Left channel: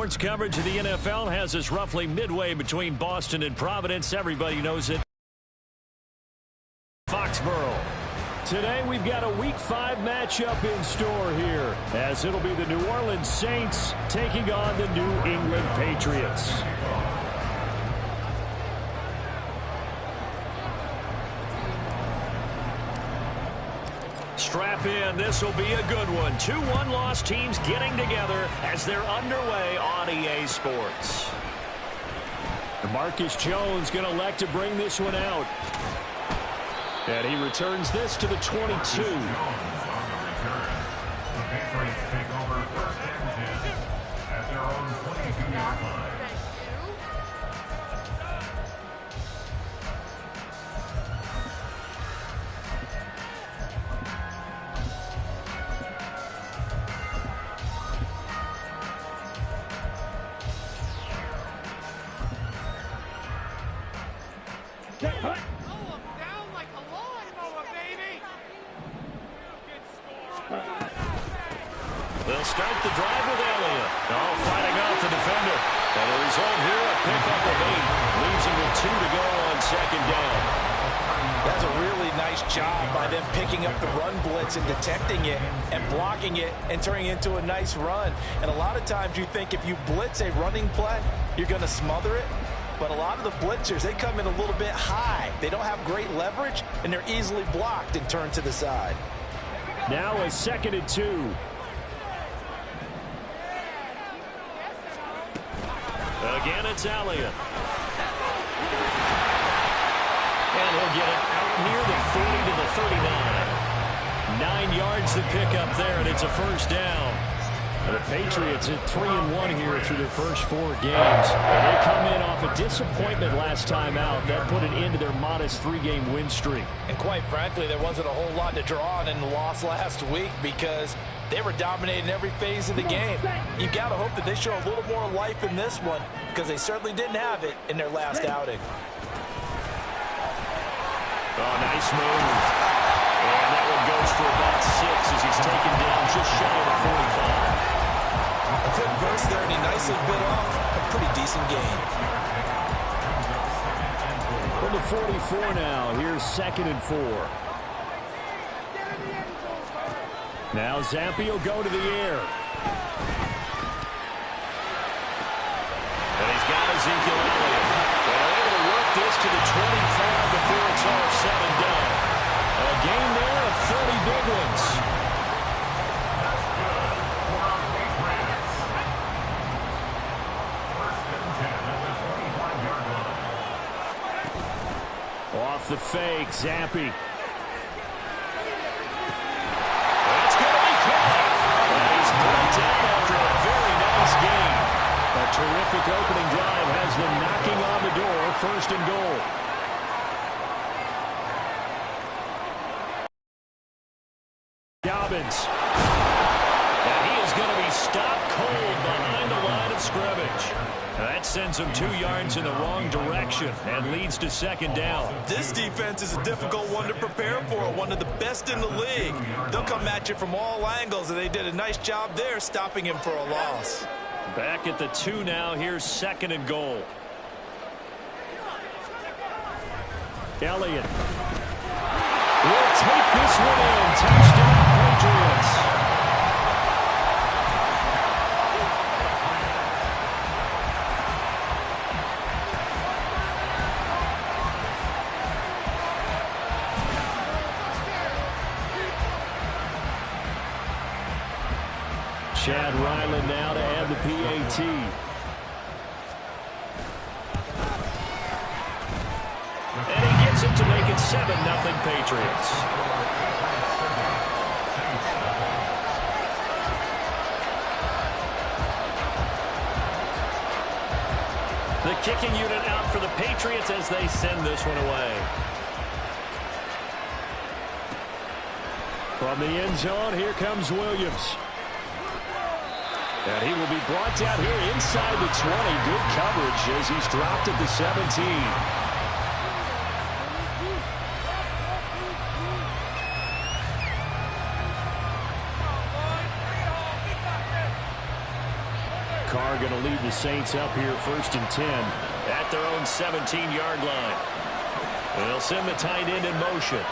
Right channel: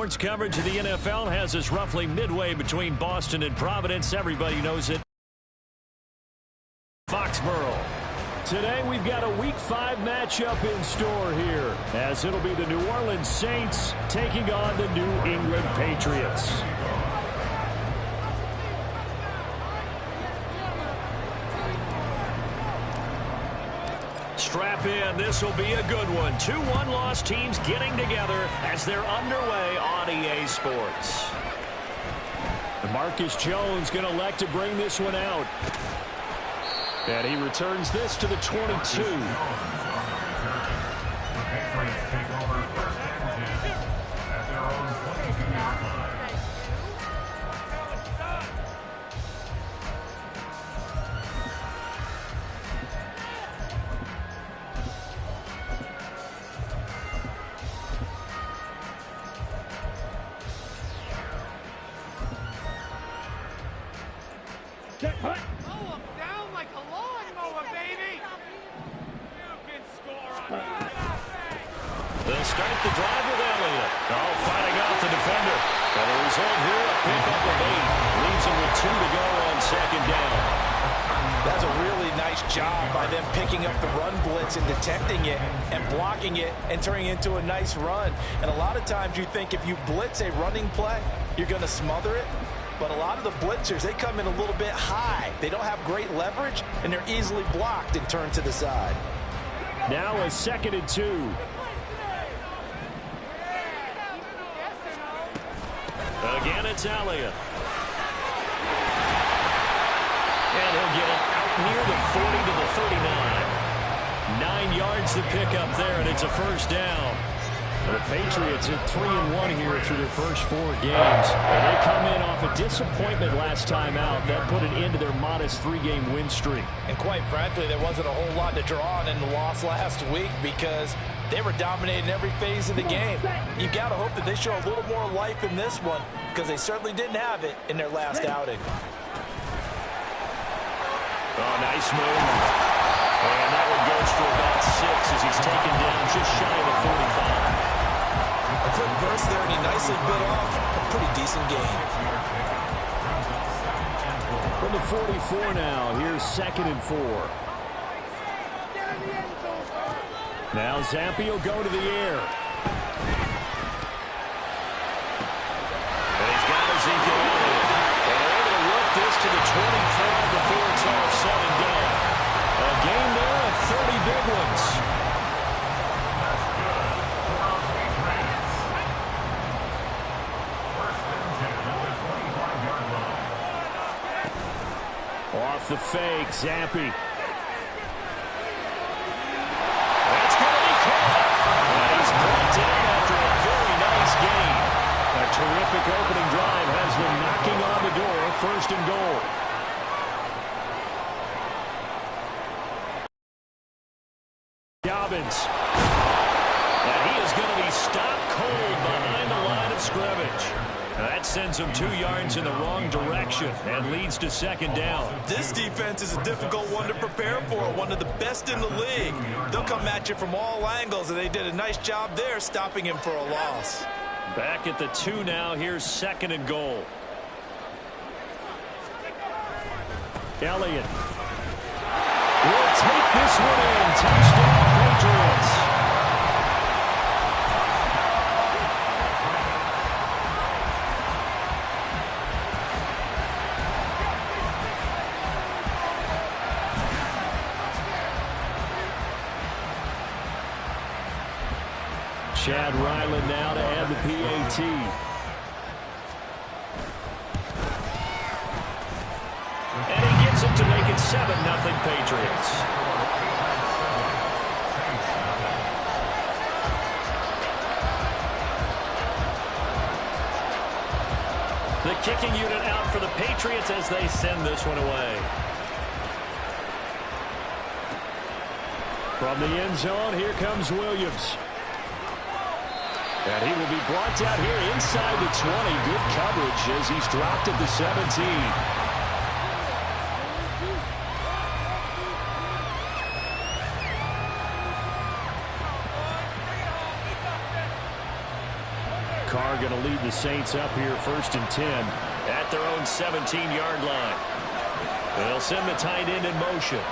Sports coverage of the NFL has us roughly midway between Boston and Providence. Everybody knows it. Foxborough. Today we've got a Week 5 matchup in store here, as it'll be the New Orleans Saints taking on the New England Patriots. Strap in. This will be a good one. 2 one-loss teams getting together as they're underway on EA Sports. Marcus Jones going to elect to bring this one out. And he returns this to the 22. They'll start the drive with Elliott. Oh, fighting off the defender. And the result here, a pickup of 8. Leaves him with 2 to go on 2nd down. That's a really nice job by them picking up the run blitz and detecting it and blocking it and turning it into a nice run. And a lot of times you think if you blitz a running play, you're going to smother it. But a lot of the blitzers, they come in a little bit high. They don't have great leverage, and they're easily blocked and turned to the side. Now a 2nd and 2. Again, it's Elliott. And he'll get it out near the 40 to the 39. 9 yards to pick up there, and it's a 1st down. The Patriots at 3-1 here through their first 4 games. They come in off a disappointment last time out. That put an end to their modest 3-game win streak. And quite frankly, there wasn't a whole lot to draw on in the loss last week because they were dominating every phase of the game. You've got to hope that they show a little more life in this one because they certainly didn't have it in their last outing. Oh, nice move. And that one goes for about 6 as he's taken down just shy of the 45. A quick burst there, and he nicely bit off a pretty decent gain. From the 44 now, here's 2nd and 4. Now Zampi will go to the air. And he's got Ezekiel Elliott. And they're able to work this to the 25 before it's all said and done. A game there of 30 big ones. Off the fake, Zampi. That's going to be caught. And he's brought down after a very nice gain. A terrific opening drive has them knocking on the door, 1st and goal. Dobbins. And he is going to be stopped cold behind the line of scrimmage. That sends him 2 yards in the wrong direction and leads to 2nd down. This defense is a difficult one to prepare for, one of the best in the league. They'll come at you from all angles, and they did a nice job there stopping him for a loss. Back at the 2 now. Here's 2nd and goal. Elliott will take this one in. Touchdown, Patriots. Chad Ryland now to add the PAT. And he gets it to make it 7-0 Patriots. The kicking unit out for the Patriots as they send this one away. From the end zone, here comes Williams. And he will be brought out here inside the 20. Good coverage as he's dropped at the 17. Carr going to they'll lead the Saints up here 1st and 10 at their own 17-yard line. They'll send the tight end in motion.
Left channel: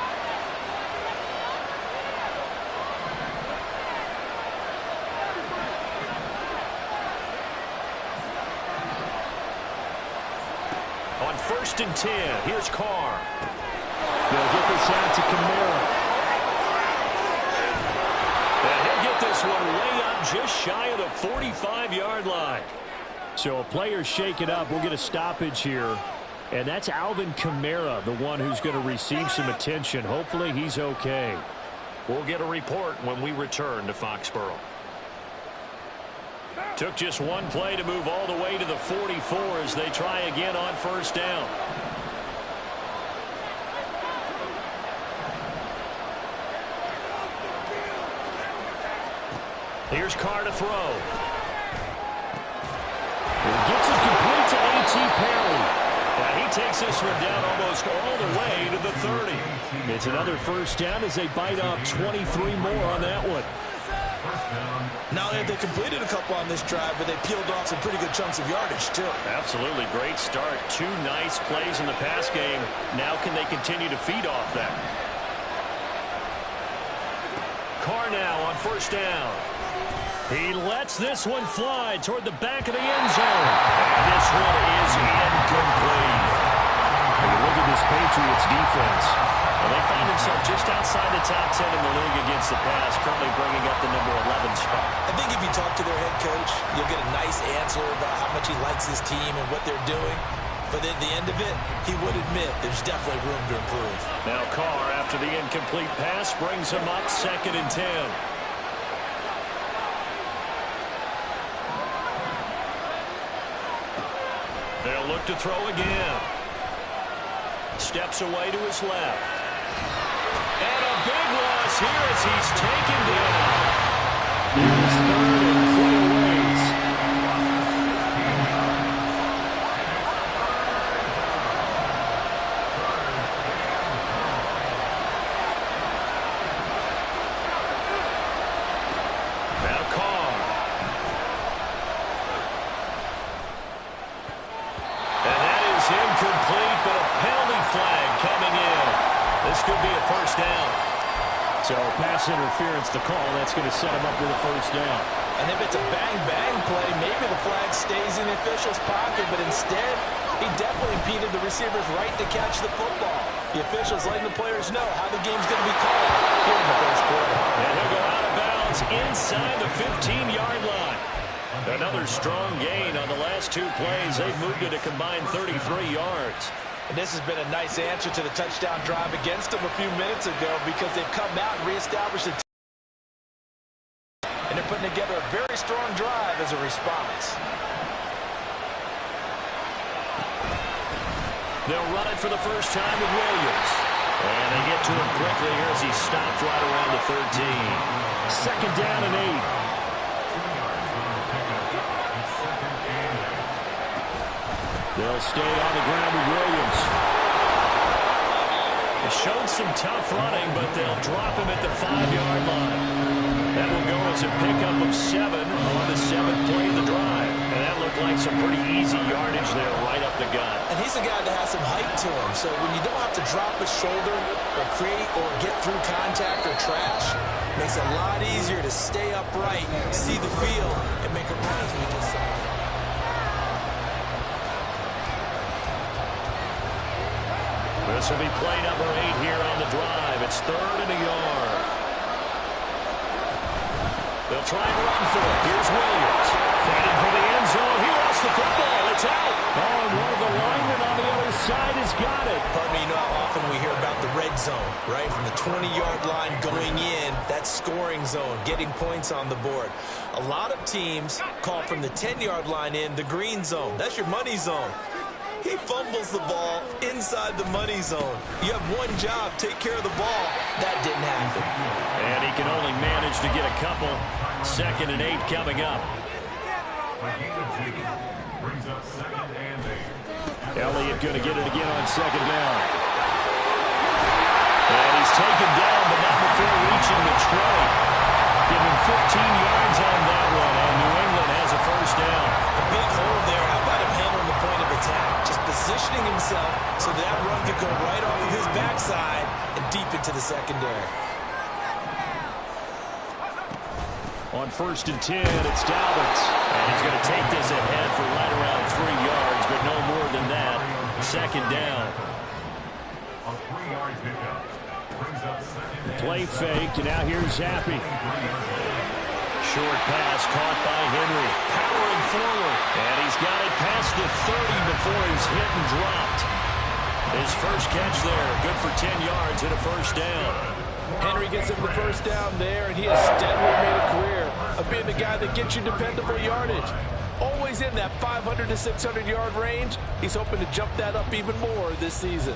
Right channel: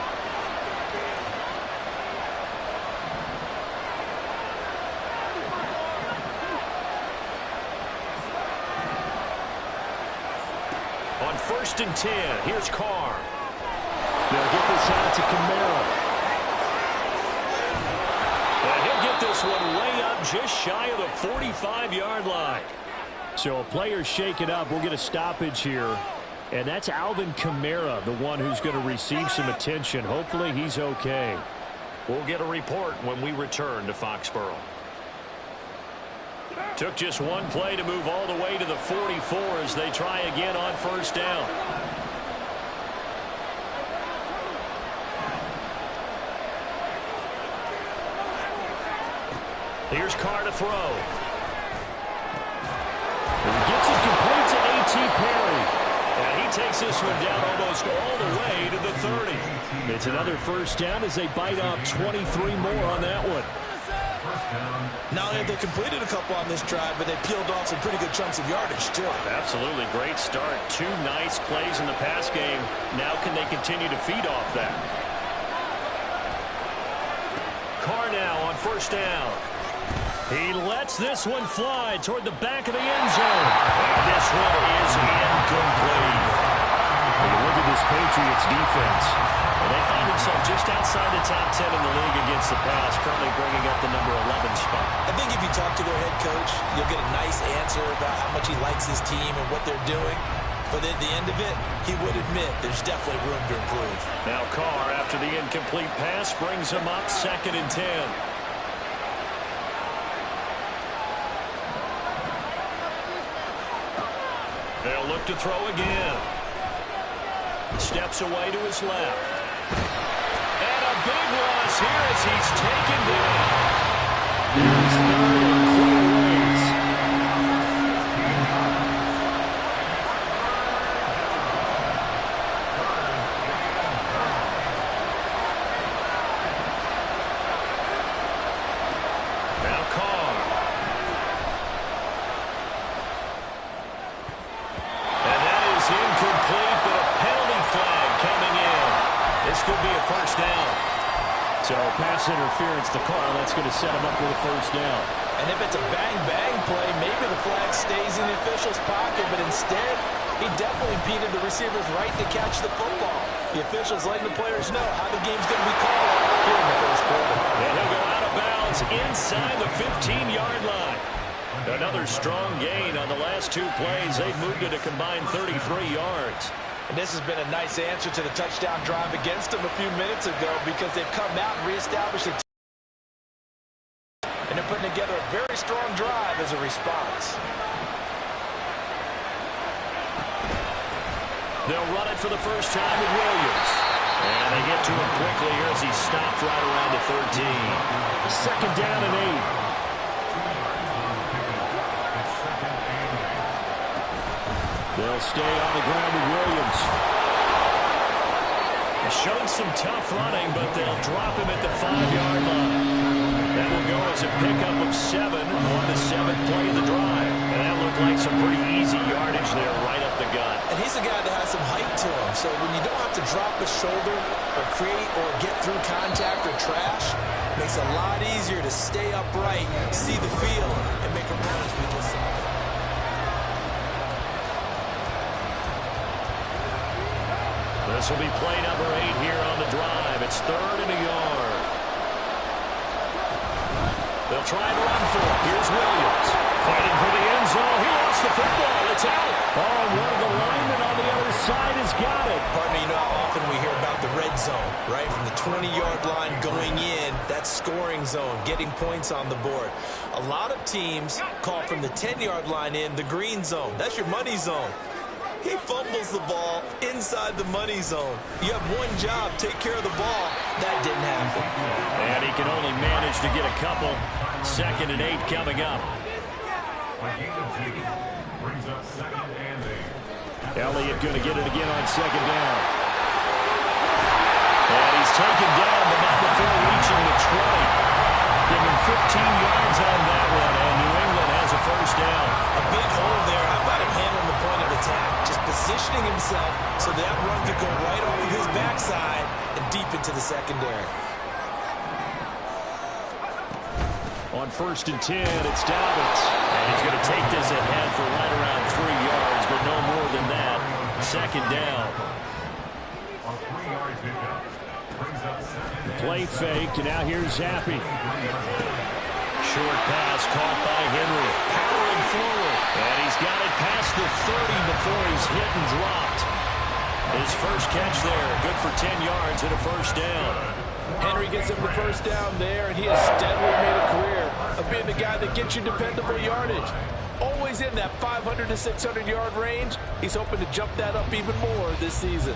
On 1st and 10, here's Carr. They'll get this out to Kamara. And he'll get this one way up just shy of the 45-yard line. So a player shake it up. We'll get a stoppage here. And that's Alvin Kamara, the one who's going to receive some attention. Hopefully he's okay. We'll get a report when we return to Foxborough. Took just one play to move all the way to the 44 as they try again on 1st down. Here's Carr to throw. And gets it complete to A.T. Perry. And he takes this one down almost all the way to the 30. It's another 1st down as they bite off 23 more on that one. Not only have they completed a couple on this drive, but they peeled off some pretty good chunks of yardage, too. Absolutely. Great start. 2 nice plays in the pass game. Now can they continue to feed off that? Carr now on 1st down. He lets this one fly toward the back of the end zone. And this one is incomplete. When you look at this Patriots defense, well, they find themselves just outside the top 10 in the league against the pass, currently bringing up the number 11 spot. I think if you talk to their head coach, you'll get a nice answer about how much he likes his team and what they're doing. But at the end of it, he would admit there's definitely room to improve. Now Carr, after the incomplete pass, brings him up 2nd and 10. They'll look to throw again. Steps away to his left. And a big loss here as he's taken down. Here's 3rd and quite a ways. Now Carr. And that is incomplete, but a penalty flag coming in. This could be a 1st down. So pass interference to call. That's going to set him up with a 1st down. And if it's a bang-bang play, maybe the flag stays in the official's pocket, but instead, he definitely impeded the receiver's right to catch the football. The official's letting the players know how the game's going to be called here in the 1st quarter. And he'll go out of bounds inside the 15-yard line. Another strong gain on the last 2 plays. They've moved it a combined 33 yards. And this has been a nice answer to the touchdown drive against them a few minutes ago because they've come out and reestablished it. And they're putting together a very strong drive as a response. They'll run it for the first time with Williams. And they get to him quickly here as he stopped right around the 13. 2nd down and 8. They'll stay on the ground with Williams. They showed some tough running, but they'll drop him at the 5-yard line. That will go as a pickup of 7 on the 7th play of the drive. And that looked like some pretty easy yardage there right up the gut. And he's a guy that has some height to him. So when you don't have to drop a shoulder or create or get through contact or trash, it makes it a lot easier to stay upright, see the field, and make a run as we just saw. This will be play number 8 here on the drive. It's 3rd and a yard. They'll try and run for it. Here's Williams. Fighting for the end zone. He lost the football. It's out. Oh, and one of the linemen on the other side has got it. Partner, you know how often we hear about the red zone, right? From the 20-yard line going in, that's scoring zone, getting points on the board. A lot of teams call from the 10-yard line in the green zone. That's your money zone. He fumbles the ball inside the money zone. You have one job, take care of the ball. That didn't happen. And he can only manage to get a couple. 2nd and 8 coming up. Elliott going to get it again on 2nd down. And he's taken down, but not before reaching the 20. Give him 15 yards on that one, and New England has a the first down. A big hole there. How about him handling the point of attack? Just positioning himself so that run could go right off of his backside and deep into the secondary. On 1st and 10, it's Dobbins. And he's going to take this ahead for right around 3 yards, but no more than that. 2nd down. Play fake, and now here's Zappi. Short pass caught by Henry. Powering forward. And he's got it past the 30 before he's hit and dropped. His first catch there. Good for 10 yards and a first down. Henry gets him the first down there, and he has steadily made a career of being the guy that gets you dependable yardage. Always in that 500 to 600-yard range. He's hoping to jump that up even more this season.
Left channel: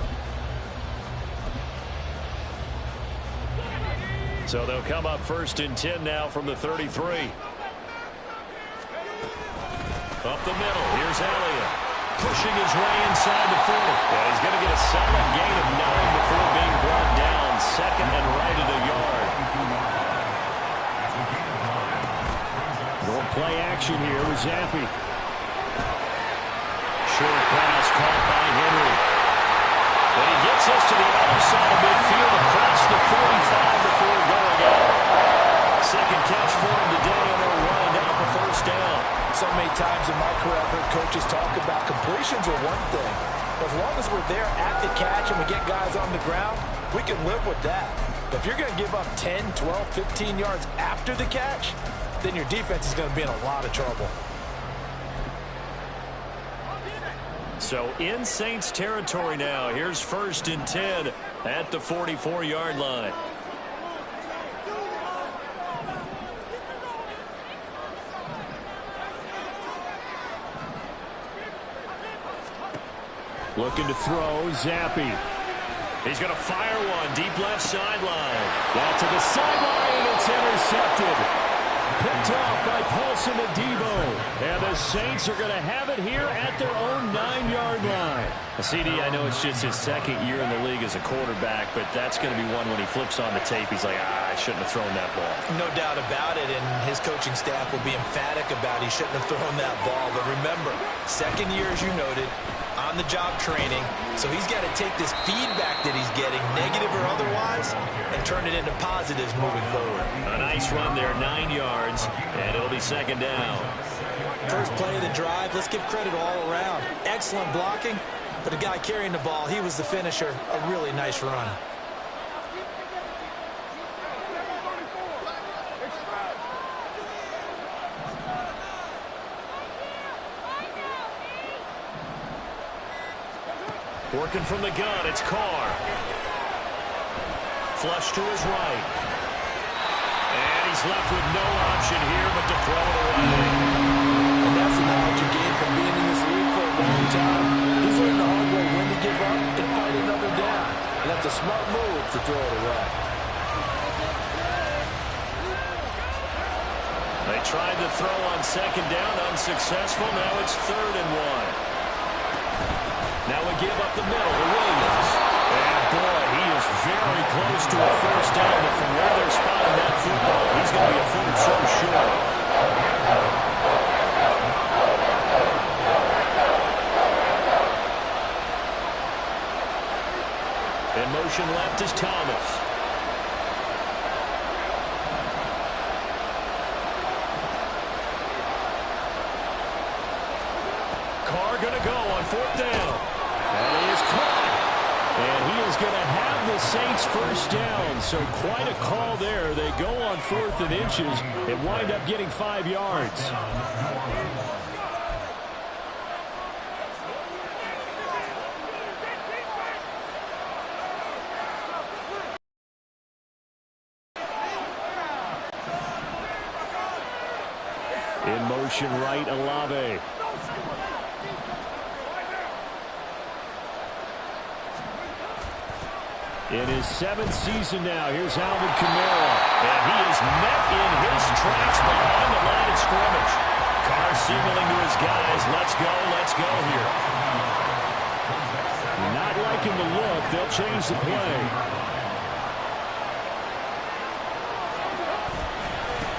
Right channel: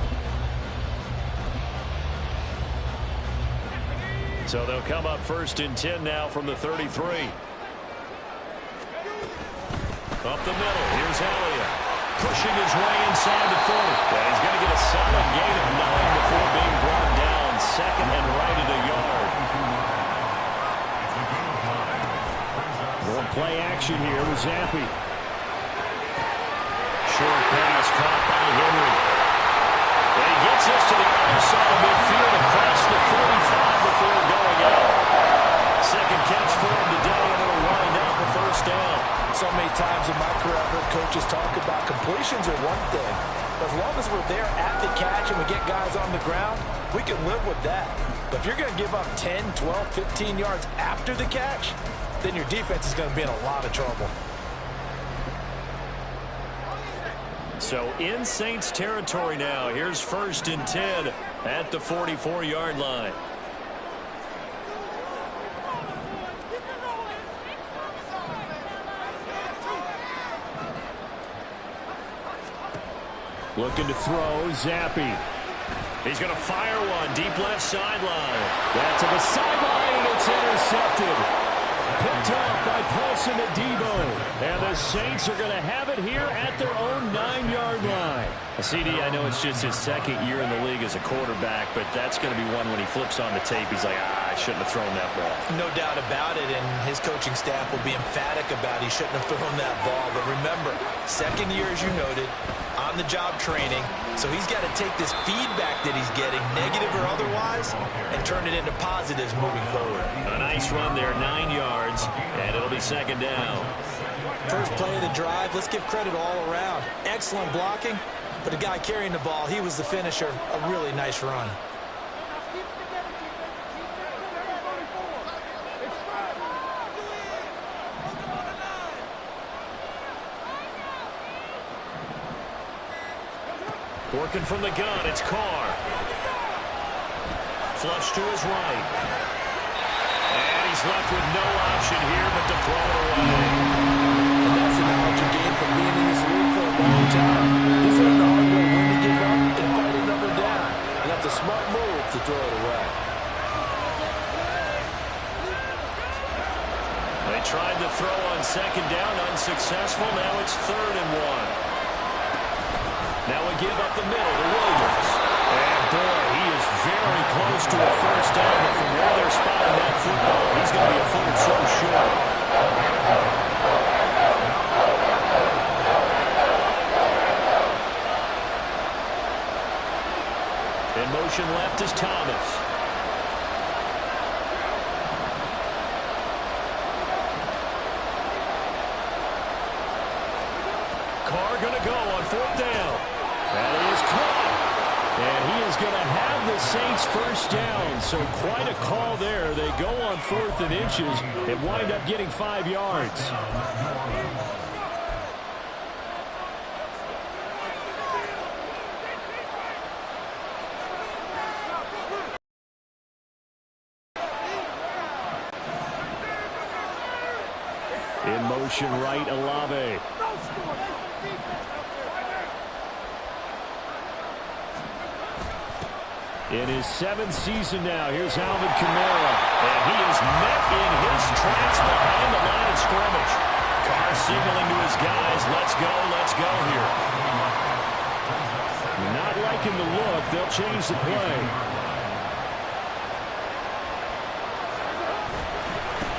So they'll come up 1st and 10 now from the 33. Up the middle. Here's Elliott. Pushing his way inside the 40. And he's going to get a solid gain of 9 before being brought down. 2nd and right at a yard. Going play action here with Zappi. Short pass caught by Henry. And he gets us to the other side of midfield across the 45 before going out. 2nd catch for him today, and it'll wind out the first down. So many times in my career, I've heard coaches talk about completions are one thing. But as long as we're there at the catch and we get guys on the ground, we can live with that. But if you're going to give up 10, 12, 15 yards after the catch, then your defense is going to be in a lot of trouble. So in Saints territory now. Here's 1st and 10 at the 44-yard line. Looking to throw, Zappi. He's going to fire one deep left sideline. That's to the sideline, and it's intercepted. Picked off by Paulson Adebo. And the Saints are going to have it here at their own 9-yard line. CD, I know it's just his 2nd year in the league as a quarterback, but that's going to be one when he flips on the tape. He's like, I shouldn't have thrown that ball. No doubt about it, and his coaching staff will be emphatic about he shouldn't have thrown that ball. But remember, 2nd year, as you noted, on-the-job training, so he's got to take this feedback that he's getting, negative or otherwise, and turn it into positives moving forward. A nice run there, 9 yards, and it'll be 2nd down. First play of the drive, let's give credit all around. Excellent blocking, but the guy carrying the ball, he was the finisher. A really nice run. Working from the gun, it's Carr. Flush to his right. And he's left with no option here but to throw it away. And that's the knowledge you gain from being in this league for a long time. He's learned the hard way when to give up and fight another down. And that's a smart move to throw it away. They tried to throw on 2nd down, unsuccessful. Now it's 3rd and 1. Now we give up the middle to Williams. And boy, he is very close to a first down, but from where they're spotting that football, he's going to be a foot or so short. In motion left is Thomas. Carr going to go on 4th down. That is caught. And he is going to have the Saints first down. So quite a call there. They go on 4th and inches and wind up getting 5 yards. In motion right, Olave. In his 7th season now, here's Alvin Kamara. And he is met in his tracks behind the line of scrimmage. Carr signaling to his guys, let's go here. Not liking the look, they'll change the play.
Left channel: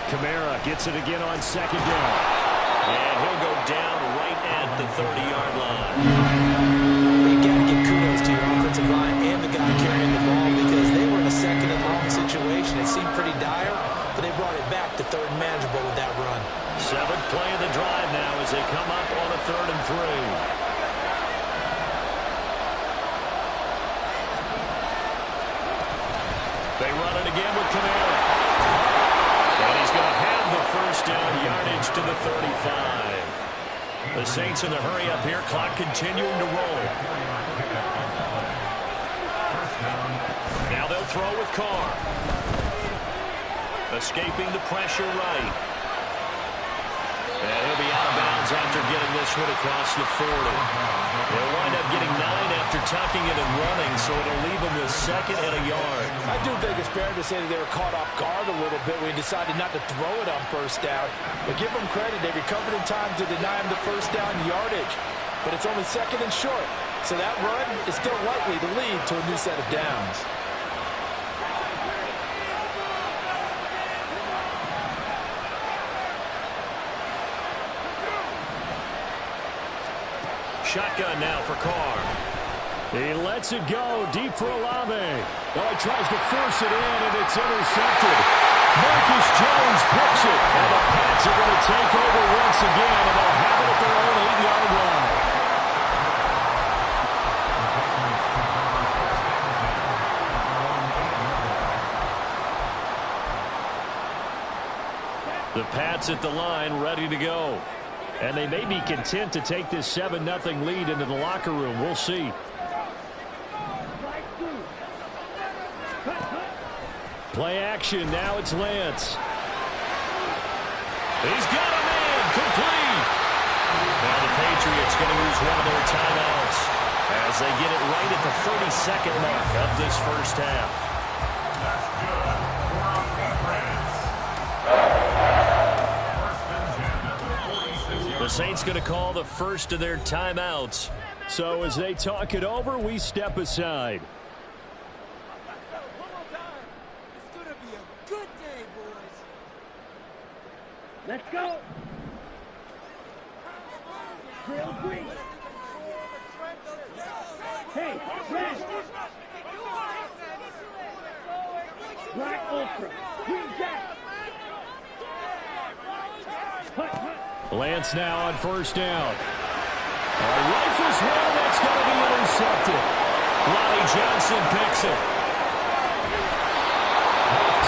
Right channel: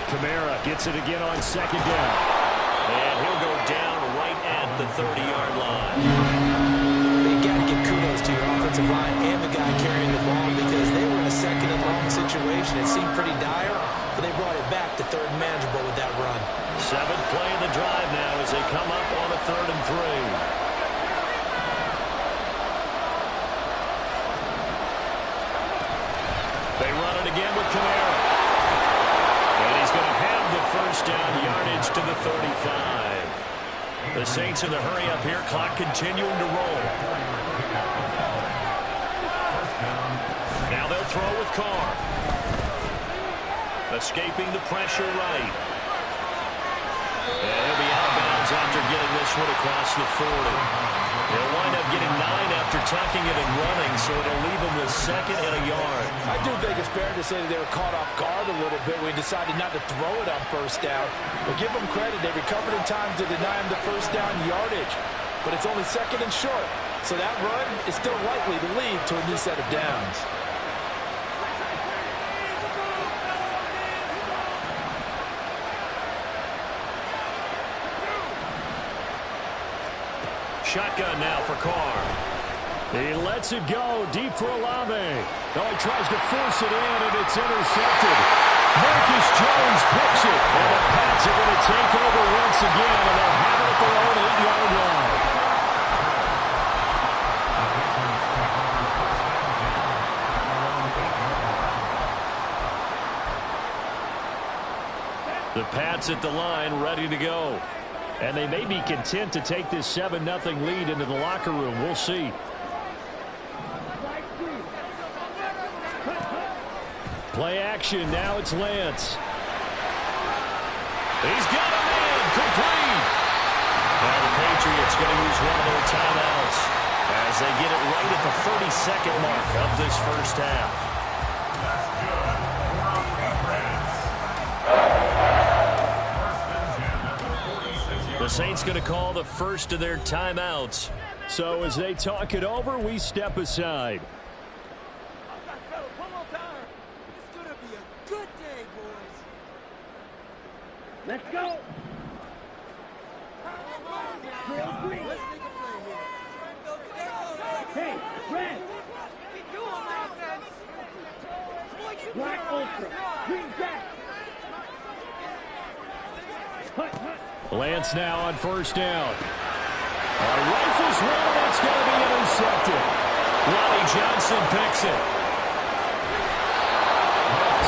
Kamara gets it again on 2nd down. And he'll go down right at the 30-yard line. You got to give kudos to your offensive line and the guy carrying the ball because they were in a second and long situation. It seemed pretty dire, but they brought it back to third and manageable with that run. 7th play of the drive now as they come up on a 3rd and 3. They run it again with Kamara. And he's going to have the first down yardage to the 35. The Saints in the hurry up here. Clock continuing to roll. Now they'll throw with Carr. Escaping the pressure right. And he'll be out of bounds after getting this one across the 40. They'll wind up getting 9 after tucking it and running, so it'll leave them with 2nd and a yard. I do think it's fair to say that they were caught off guard a little bit when he decided not to throw it on first down. But give them credit. They recovered in time to deny him the first down yardage. But it's only 2nd and short. So that run is still likely to lead to a new set of downs. Shotgun now for Carr. He lets it go deep for Olave. Oh, he tries to force it in, and it's intercepted. Marcus Jones picks it, and the Pats are going to take over once again, and they'll have it at their own 8-yard line. The Pats at the line, ready to go. And they may be content to take this 7-0 lead into the locker room. We'll see. Play action. Now it's Lance. He's got a man. Complete. Now the Patriots going to use one of their timeouts as they get it right at the 30-second mark of this first half. The Saints going to call the first of their timeouts. So as they talk it over, we step aside. One more time. It's going to be a good day, boys. Let's go. Drill green. Hey, red. Black ultra. Green jack. Hut, hut. Lance now on first down. Rifles one, and that's going to be intercepted. Lonnie Johnson picks it.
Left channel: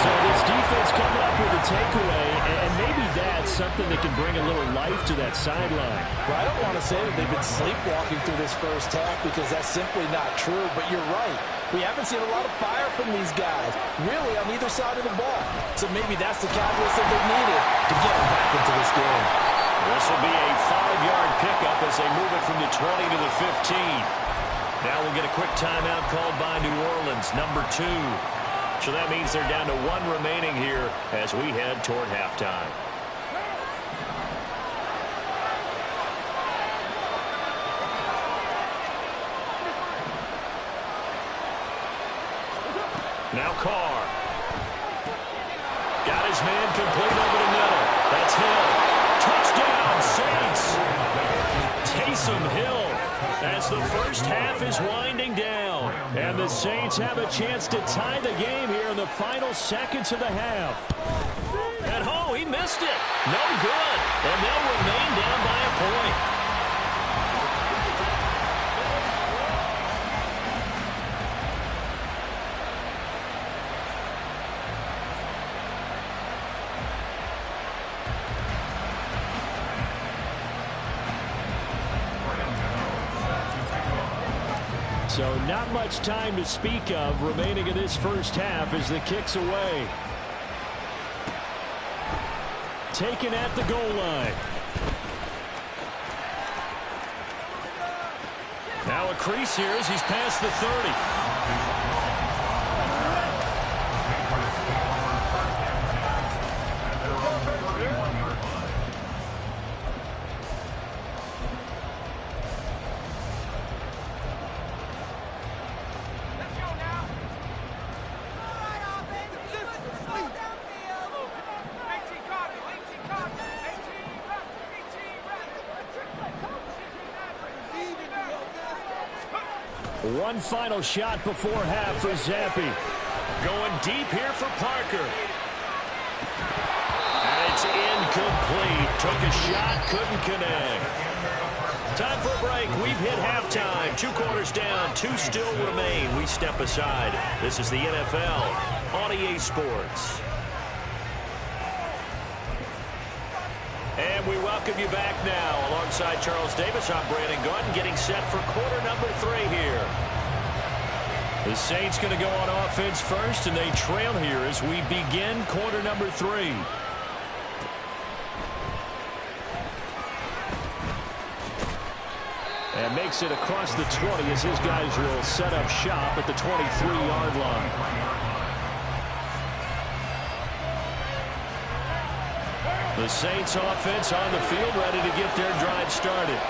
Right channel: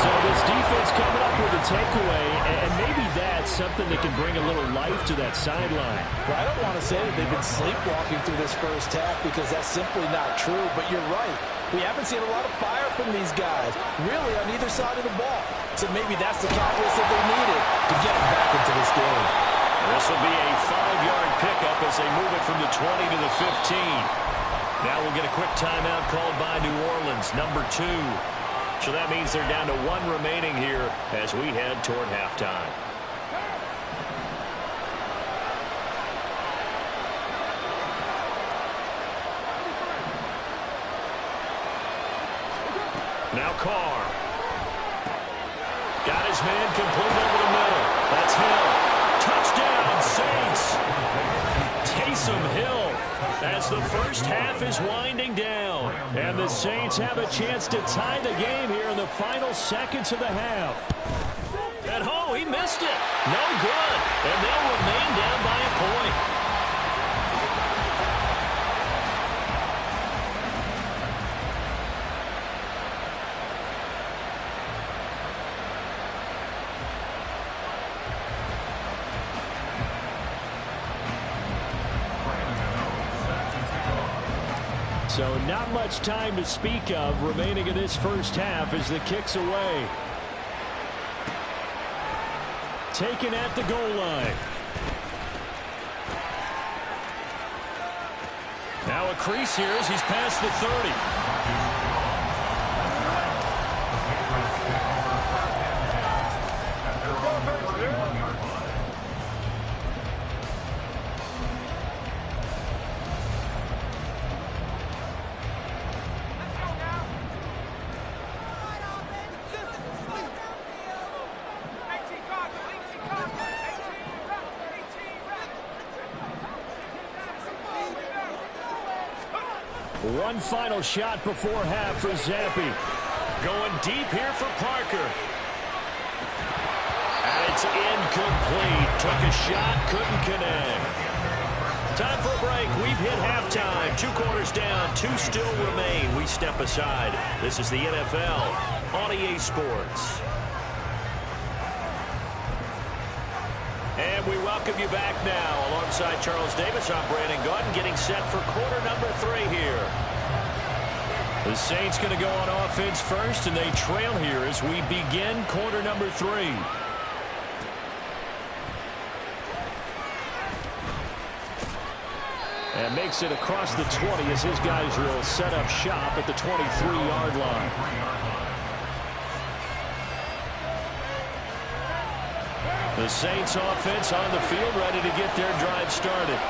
So this defense coming up with a takeaway, and maybe that's something that can bring a little life to that sideline. Well, I don't want to say that they've been sleepwalking through this first half because that's simply not true, but you're right. We haven't seen a lot of fire from these guys, really on either side of the ball. So maybe that's the catalyst that they needed to get them back into this game. This will be a 5-yard pickup as they move it from the 20 to the 15. Now we'll get a quick timeout called by New Orleans, number 2. So that means they're down to 1 remaining here as we head toward halftime. Now Carr. Got his man complete over the middle. That's Hill. Touchdown, Saints. Taysom Hill as the first half is winding down. And the Saints have a chance to tie the game here in the final seconds of the half. And oh, he missed it. No good. And they'll remain down by a point. So not much time to speak of remaining in this first half as the kick's away. Taken at the goal line. Now a crease here as he's past the 30. One final shot before half for Zampi. Going deep here for Parker. And it's incomplete. Took a shot, couldn't connect. Time for a break. We've hit halftime. 2 quarters down, 2 still remain. We step aside. This is the NFL on EA Sports. And we welcome you back now. Alongside Charles Davis, I'm Brandon Gordon, getting set for quarter number 3 here. The Saints going to go on offense first, and they trail here as we begin quarter number 3. And makes it across the 20 as his guys will set up shop at the 23-yard line. The Saints offense on the field, ready to get their drive started.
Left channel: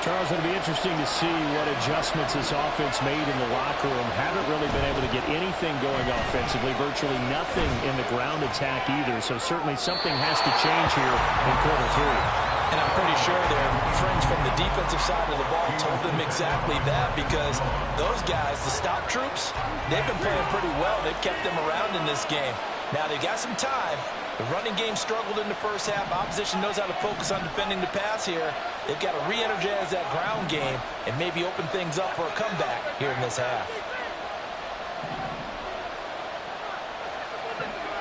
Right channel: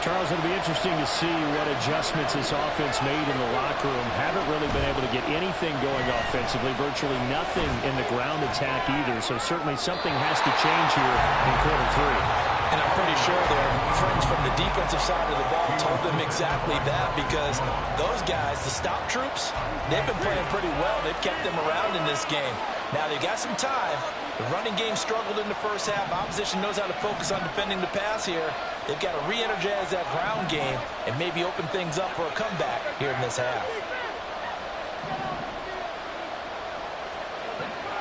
Charles, it'll be interesting to see what adjustments this offense made in the locker room. Haven't really been able to get anything going offensively, virtually nothing in the ground attack either. So certainly something has to change here in quarter 3. And I'm pretty sure their friends from the defensive side of the ball told them exactly that, because those guys, the stop troops, they've been playing pretty well. They've kept them around in this game. Now they've got some time. The running game struggled in the first half. Opposition knows how to focus on defending the pass here. They've got to re-energize that ground game and maybe open things up for a comeback here in this half.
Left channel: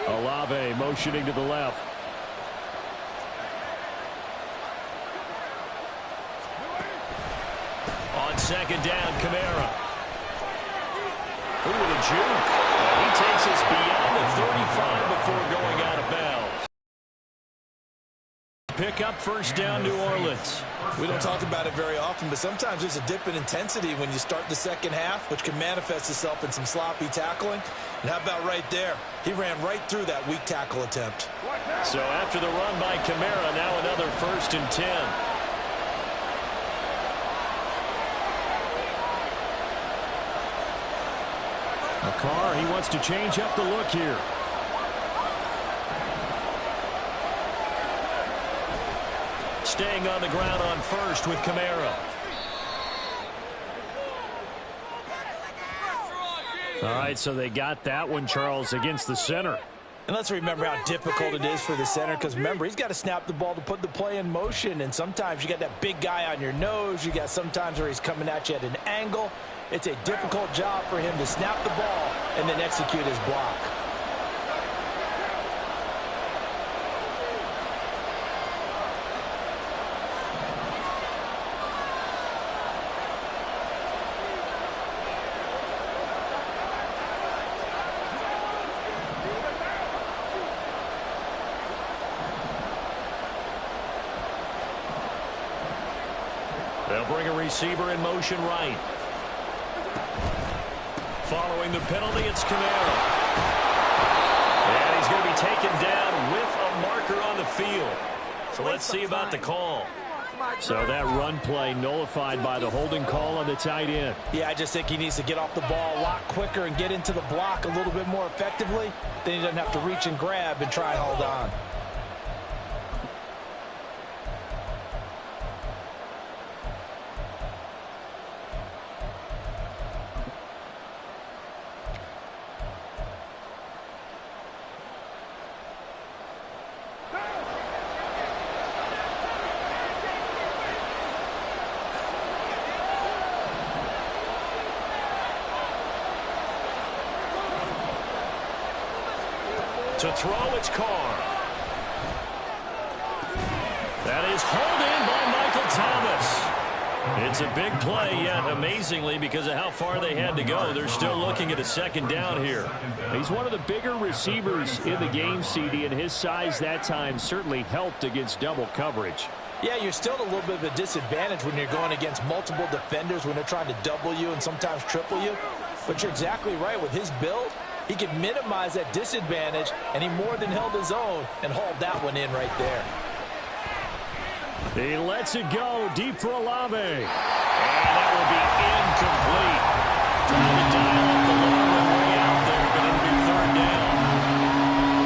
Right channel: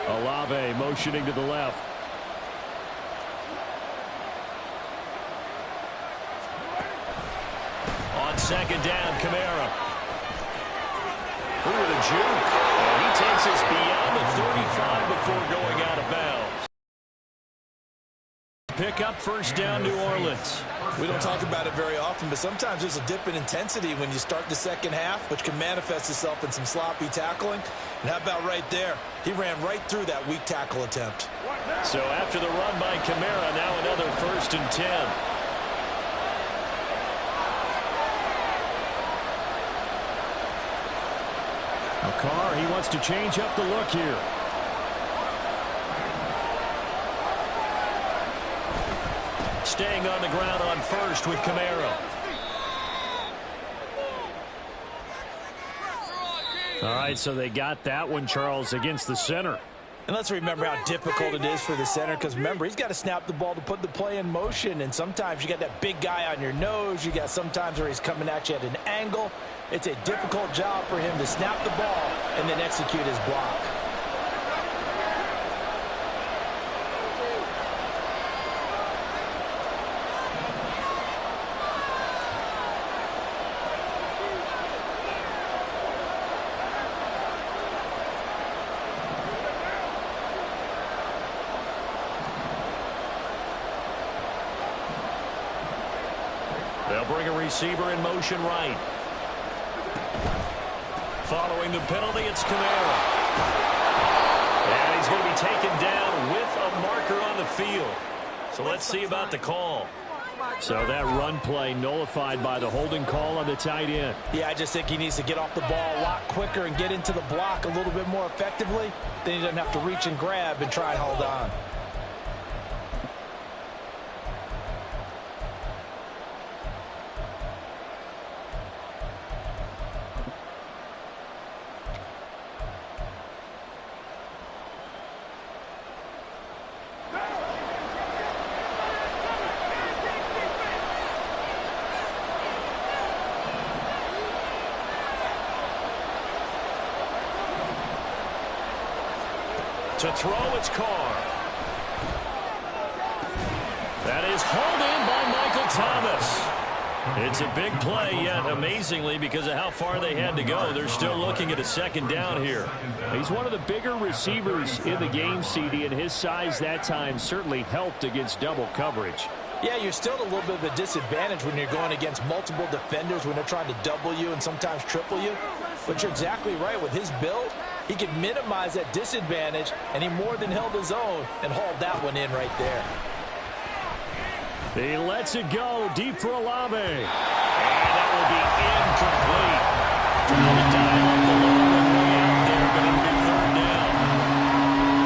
Olave motioning to the left. On second down, Kamara. Ooh, with a juke. And he takes us beyond the 35 before going out of bounds. Pick up first down, New Orleans. We don't talk about it very often, but sometimes there's a dip in intensity when you start the second half, which can manifest itself in some sloppy tackling. And how about right there? He ran right through that weak tackle attempt. So after the run by Kamara, now another 1st and 10. Carr, he wants to change up the look here. Staying on the ground on first with Kamara. All right, so they got that one, Charles, against the center. And let's remember how difficult it is for the center, because remember, he's got to snap the ball to put the play in motion, and sometimes you got that big guy on your nose. You got sometimes where he's coming at you at an angle. It's a difficult job for him to snap the ball and then execute his block. They'll bring a receiver in motion right. Following the penalty, it's Kamara. And he's going to be taken down with a marker on the field. So let's see about the call. So that run play nullified by the holding call on the tight end. Yeah, I just think he needs to get off the ball a lot quicker and get into the block a little bit more effectively. Then he doesn't have to reach and grab and try and hold on. To throw, it's Carr. That is hauled in by Michael Thomas. It's a big play, yet amazingly, because of how far they had to go, they're still looking at a second down here. He's one of the bigger receivers in the game, CD, and his size that time certainly helped against double coverage. Yeah, you're still at a little bit of a disadvantage when you're going against multiple defenders, when they're trying to double you and sometimes triple you. But you're exactly right. With his build, he can minimize that disadvantage, and he more than held his own and hauled that one in right there. He lets it go deep for Olave. And that will be incomplete. Trying to dial up the long way out there, but it'll be 3rd down.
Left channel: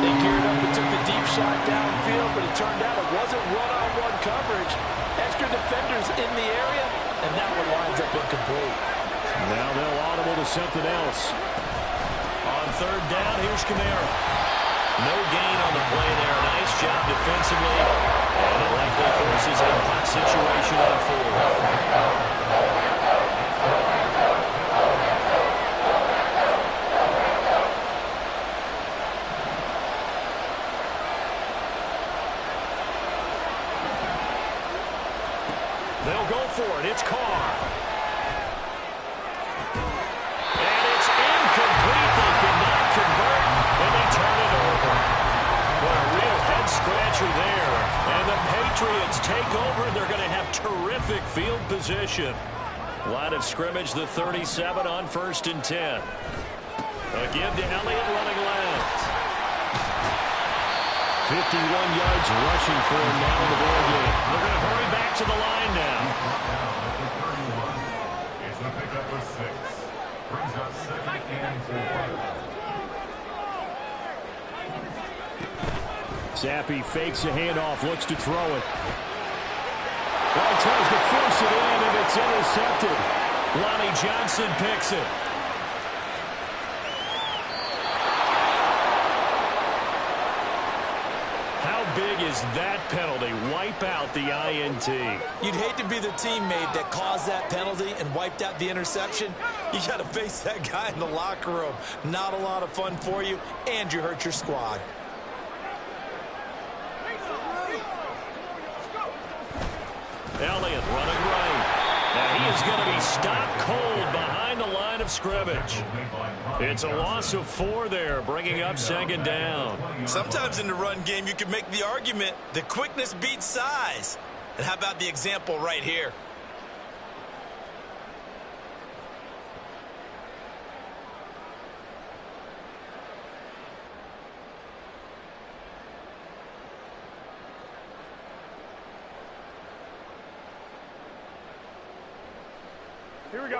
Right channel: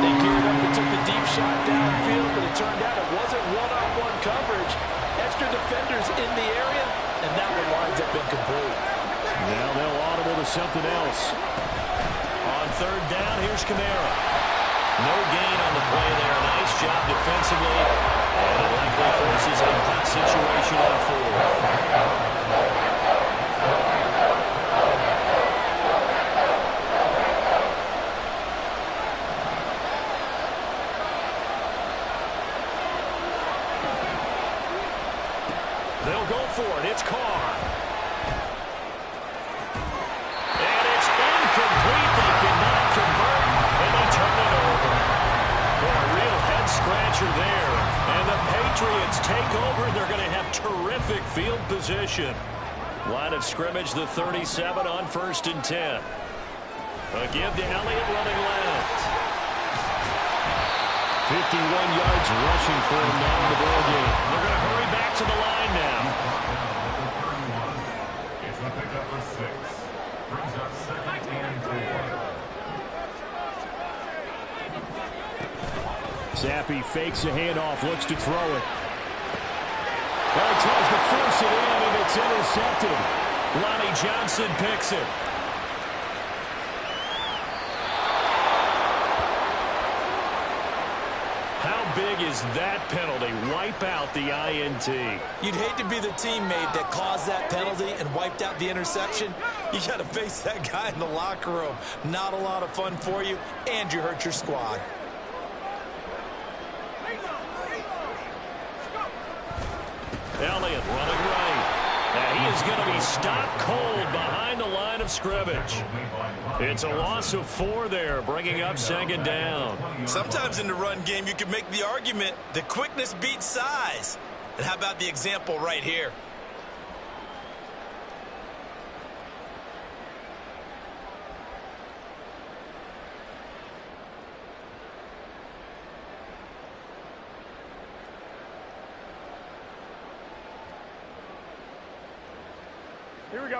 They geared up and took the deep shot downfield, but it turned out it wasn't one-on-one coverage. Extra defenders in the area, and that one winds up incomplete. Now they'll audible to something else. On third down, here's Kamara. No gain on the play there. Nice job defensively. And it likely forces a punt situation on fourth. They'll go for it. It's Carr. And it's incomplete. They cannot convert, and they turn it over. What a real head-scratcher there. And the Patriots take over. They're going to have terrific field position. Line of scrimmage, the 37 on 1st and 10. A give to Elliott running left. 51 yards rushing for him now in the ball game. They're going to hurry back to the line now. It's a pickup of 6. Brings up 2nd and 4. Zappi fakes a handoff, looks to throw it. Well, he tries to force it in, and it's intercepted. Lonnie Johnson picks it. How big is that penalty? Wipe out the INT. You'd hate to be the teammate that caused that penalty and wiped out the interception. You got to face that guy in the locker room. Not a lot of fun for you, and you hurt your squad. Elliott running right. And he is going to be stopped cold behind the line of scrimmage. It's a loss of 4 there, bringing up 2nd down. Sometimes in the run game, you can make the argument that quickness beats size. And how about the example right here?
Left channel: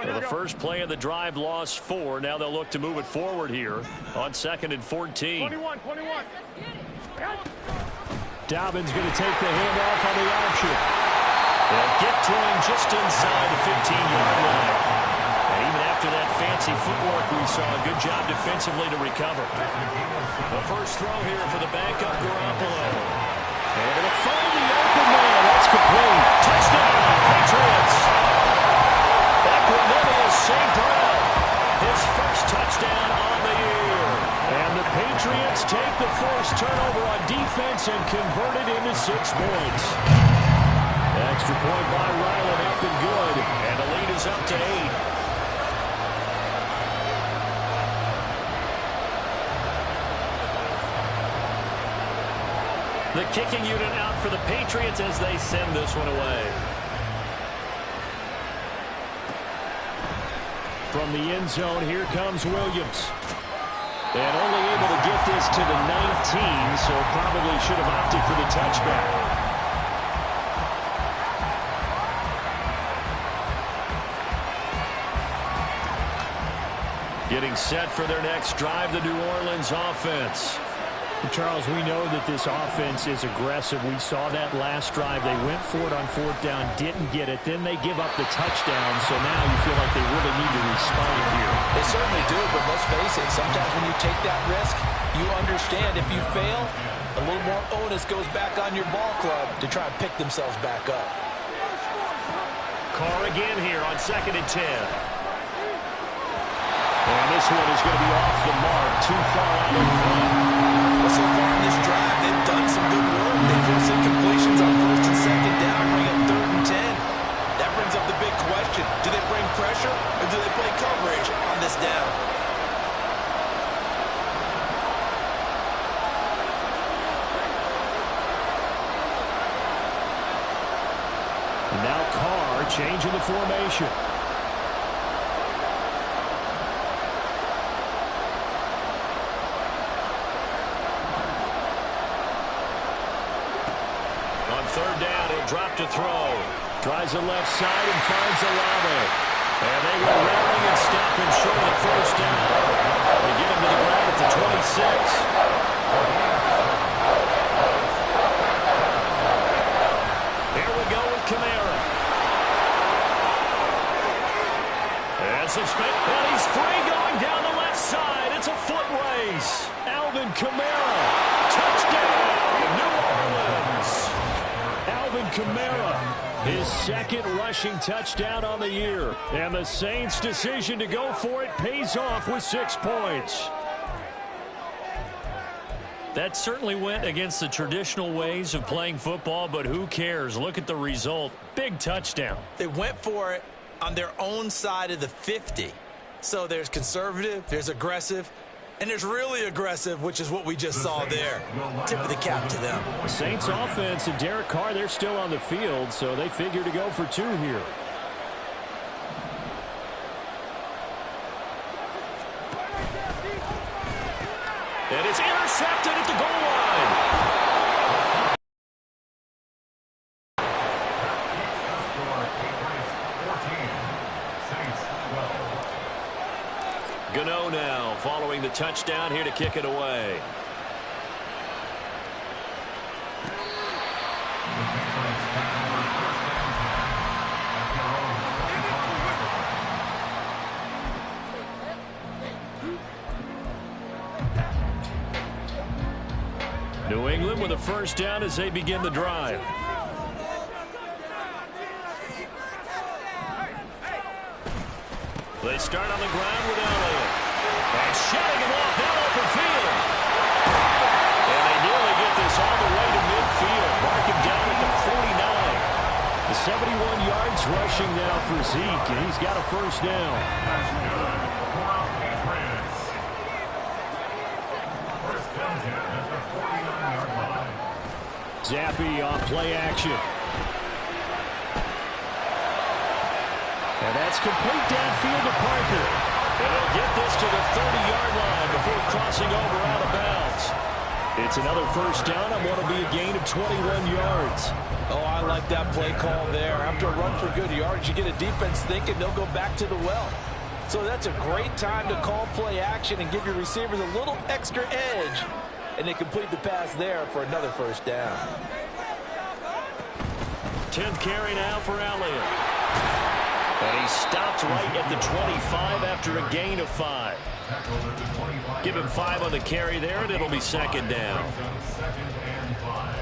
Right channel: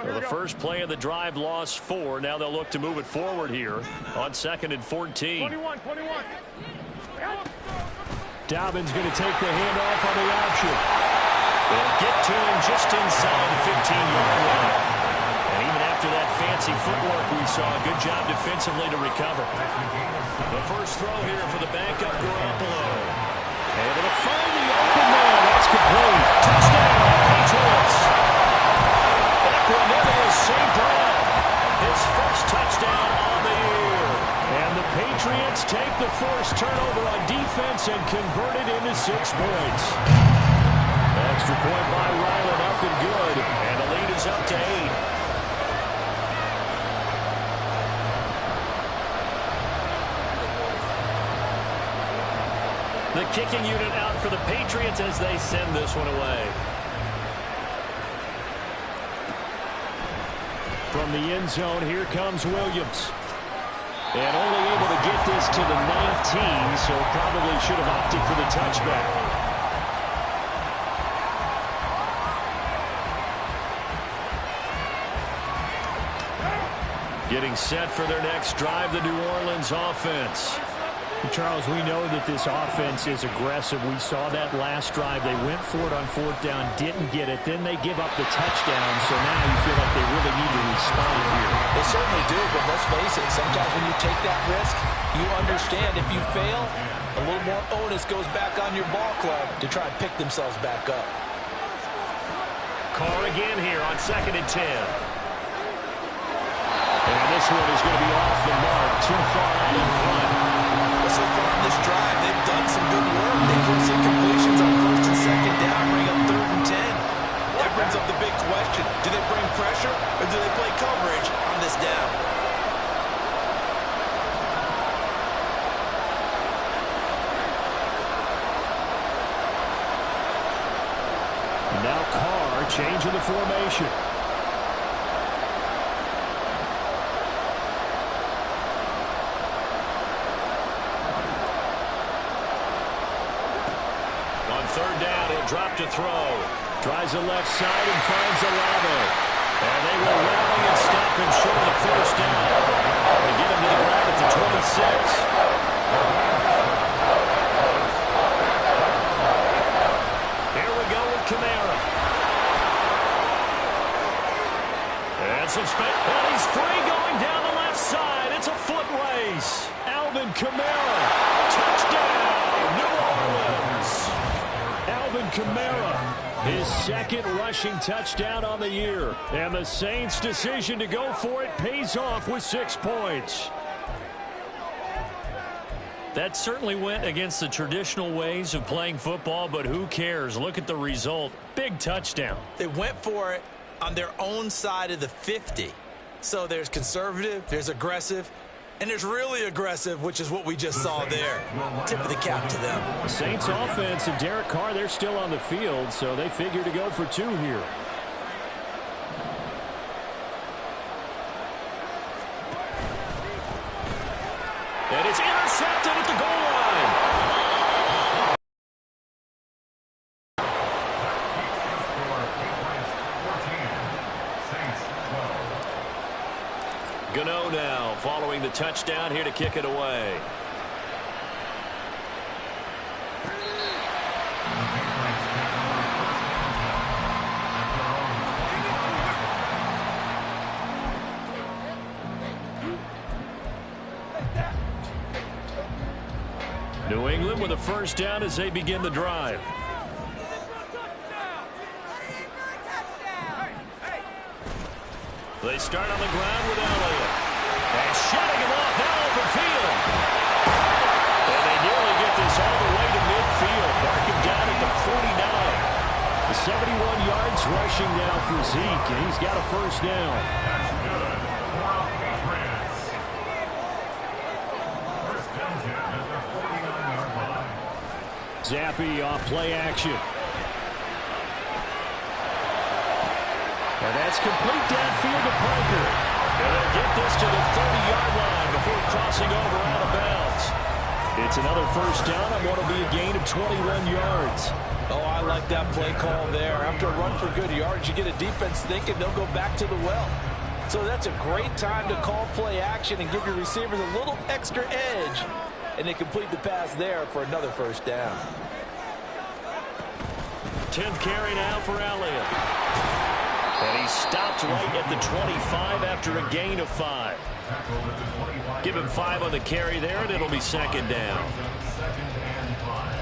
The first play of the drive lost 4. Now they'll look to move it forward here on 2nd and 14. 21. Dobbins going to take the handoff on the option. They'll get to him just inside the 15-yard line. And even after that fancy footwork we saw, a good job defensively to recover. The first throw here for the backup Garoppolo. Able to find the open man. That's complete. Touchdown, Patriots. Equanimous St. Brown, his first touchdown on the year. And the Patriots take the forced turnover on defense and convert it into 6 points. Extra point by Ryland, up and good. And the lead is up to 8. The kicking unit out for the Patriots as they send this one away. From the end zone, here comes Williams. And only able to get this to the 19, so probably should have opted for the touchback. Getting set for their next drive, the New Orleans offense. Charles, we know that this offense is aggressive. We saw that last drive. They went for it on 4th down, didn't get it. Then they give up the touchdown, so now you feel like they really need to respond here. They certainly do, but let's face it, sometimes when you take that risk, you understand if you fail, a little more onus goes back on your ball club to try and pick themselves back up. Carr again here on 2nd and 10. And this one is going to be off the mark, too far out in front. Well, so far in this drive, they've done some good work. They forced incompletions on 1st and 2nd down, bring up 3rd and 10. That brings up the big question. Do they bring pressure or do they play coverage on this down? Now Carr changing the formation. On 3rd down, he'll drop to throw. Tries the left side and finds Olave. And they will rally and stop him short of the 1st down. They get him to the ground at the 26. Here we go with Kamara. And Has some space, and he's free going down the left side. It's a foot race. Alvin Kamara, touchdown, New Orleans. Alvin Kamara, his second rushing touchdown on the year. And the Saints' decision to go for it pays off with 6 points. That certainly went against the traditional ways of playing football, but who cares? Look at the result. Big touchdown. They went for it on their own side of the 50. So there's conservative, there's aggressive, and there's really aggressive, which is what we just saw there. Tip of the cap to them. The Saints offense and Derek Carr, they're still on the field, so they figure to go for 2 here. And it's intercepted at the goal line. Gano now following the touchdown here to kick it away. New England with a first down as they begin the drive. They start on the ground with Elliott. And shutting him off now open field. And they nearly get this all the way to midfield. Mark him down at the 49. The 71 yards rushing now for Zeke, and he's got a first down. That's good. For the Patriots. First down at the 49-yard line. Zappe off play action. And that's complete downfield to Parker. And they'll get this to the 30-yard line before crossing over out of bounds. It's another first down on what will be a gain of 21 yards. Oh, I like that play call there. After a run for good yards, you get a defense thinking they'll go back to the well. So that's a great time to call play action and give your receivers a little extra edge. And they complete the pass there for another first down. 10th carry now for Elliott. And he stopped right at the 25 after a gain of 5. Give him 5 on the carry there, and it'll be second down. Second and 5.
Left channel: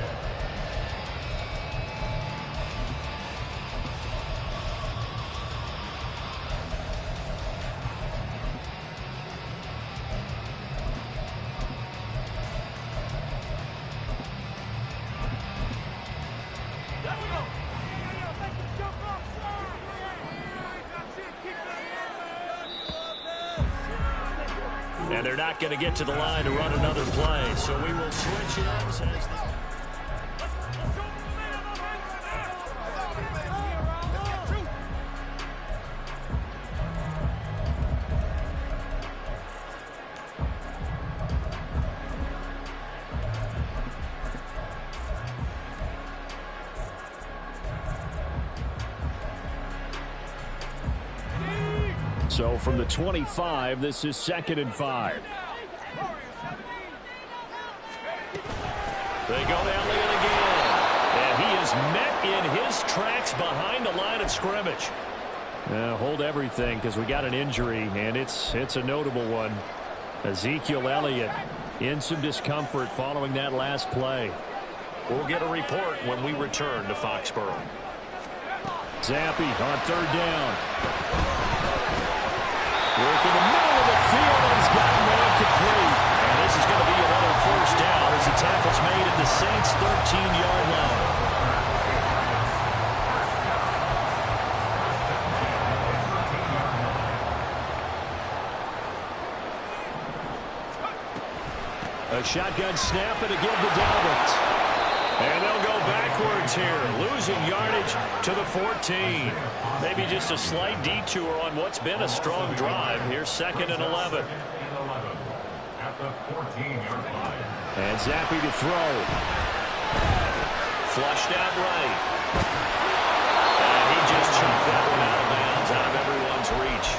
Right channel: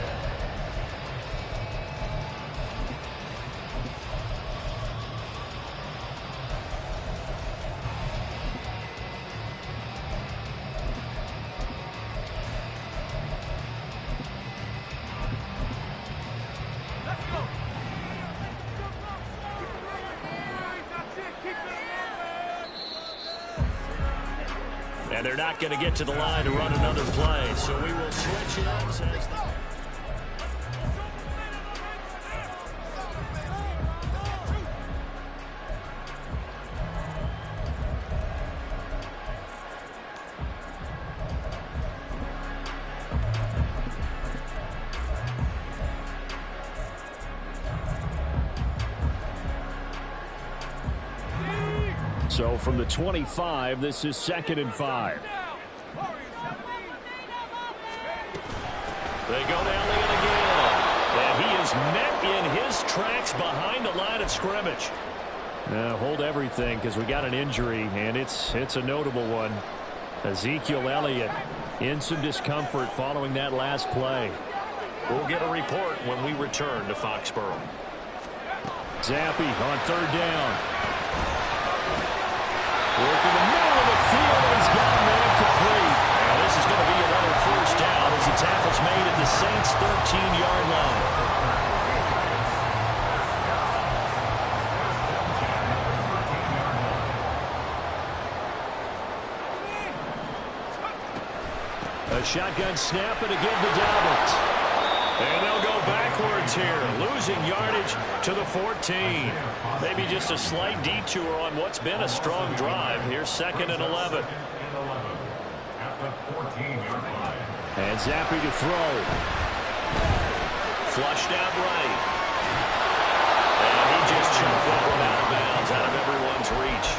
And they're not going to get to the line to run another play, so we will switch ends as So from the 25, this is 2nd and 5. They go to Elliott again. And he is met in his tracks behind the line of scrimmage. Hold everything because we got an injury, and it's a notable one. Ezekiel Elliott in some discomfort following that last play. We'll get a report when we return to Foxborough. Zappe on 3rd down. Work in the middle of the field, and he's got a man complete. And this is going to be another first down as the tackle's made at the Saints' 13-yard line. A shotgun snap and again to Dalvin. And they'll go backwards here, losing yardage to the 14. Maybe just a slight detour on what's been a strong drive. Here's 2nd and 11. At the 14-yard line. And Zappe to throw. Flushed out right. And he just chunked that one out of bounds, out of everyone's reach.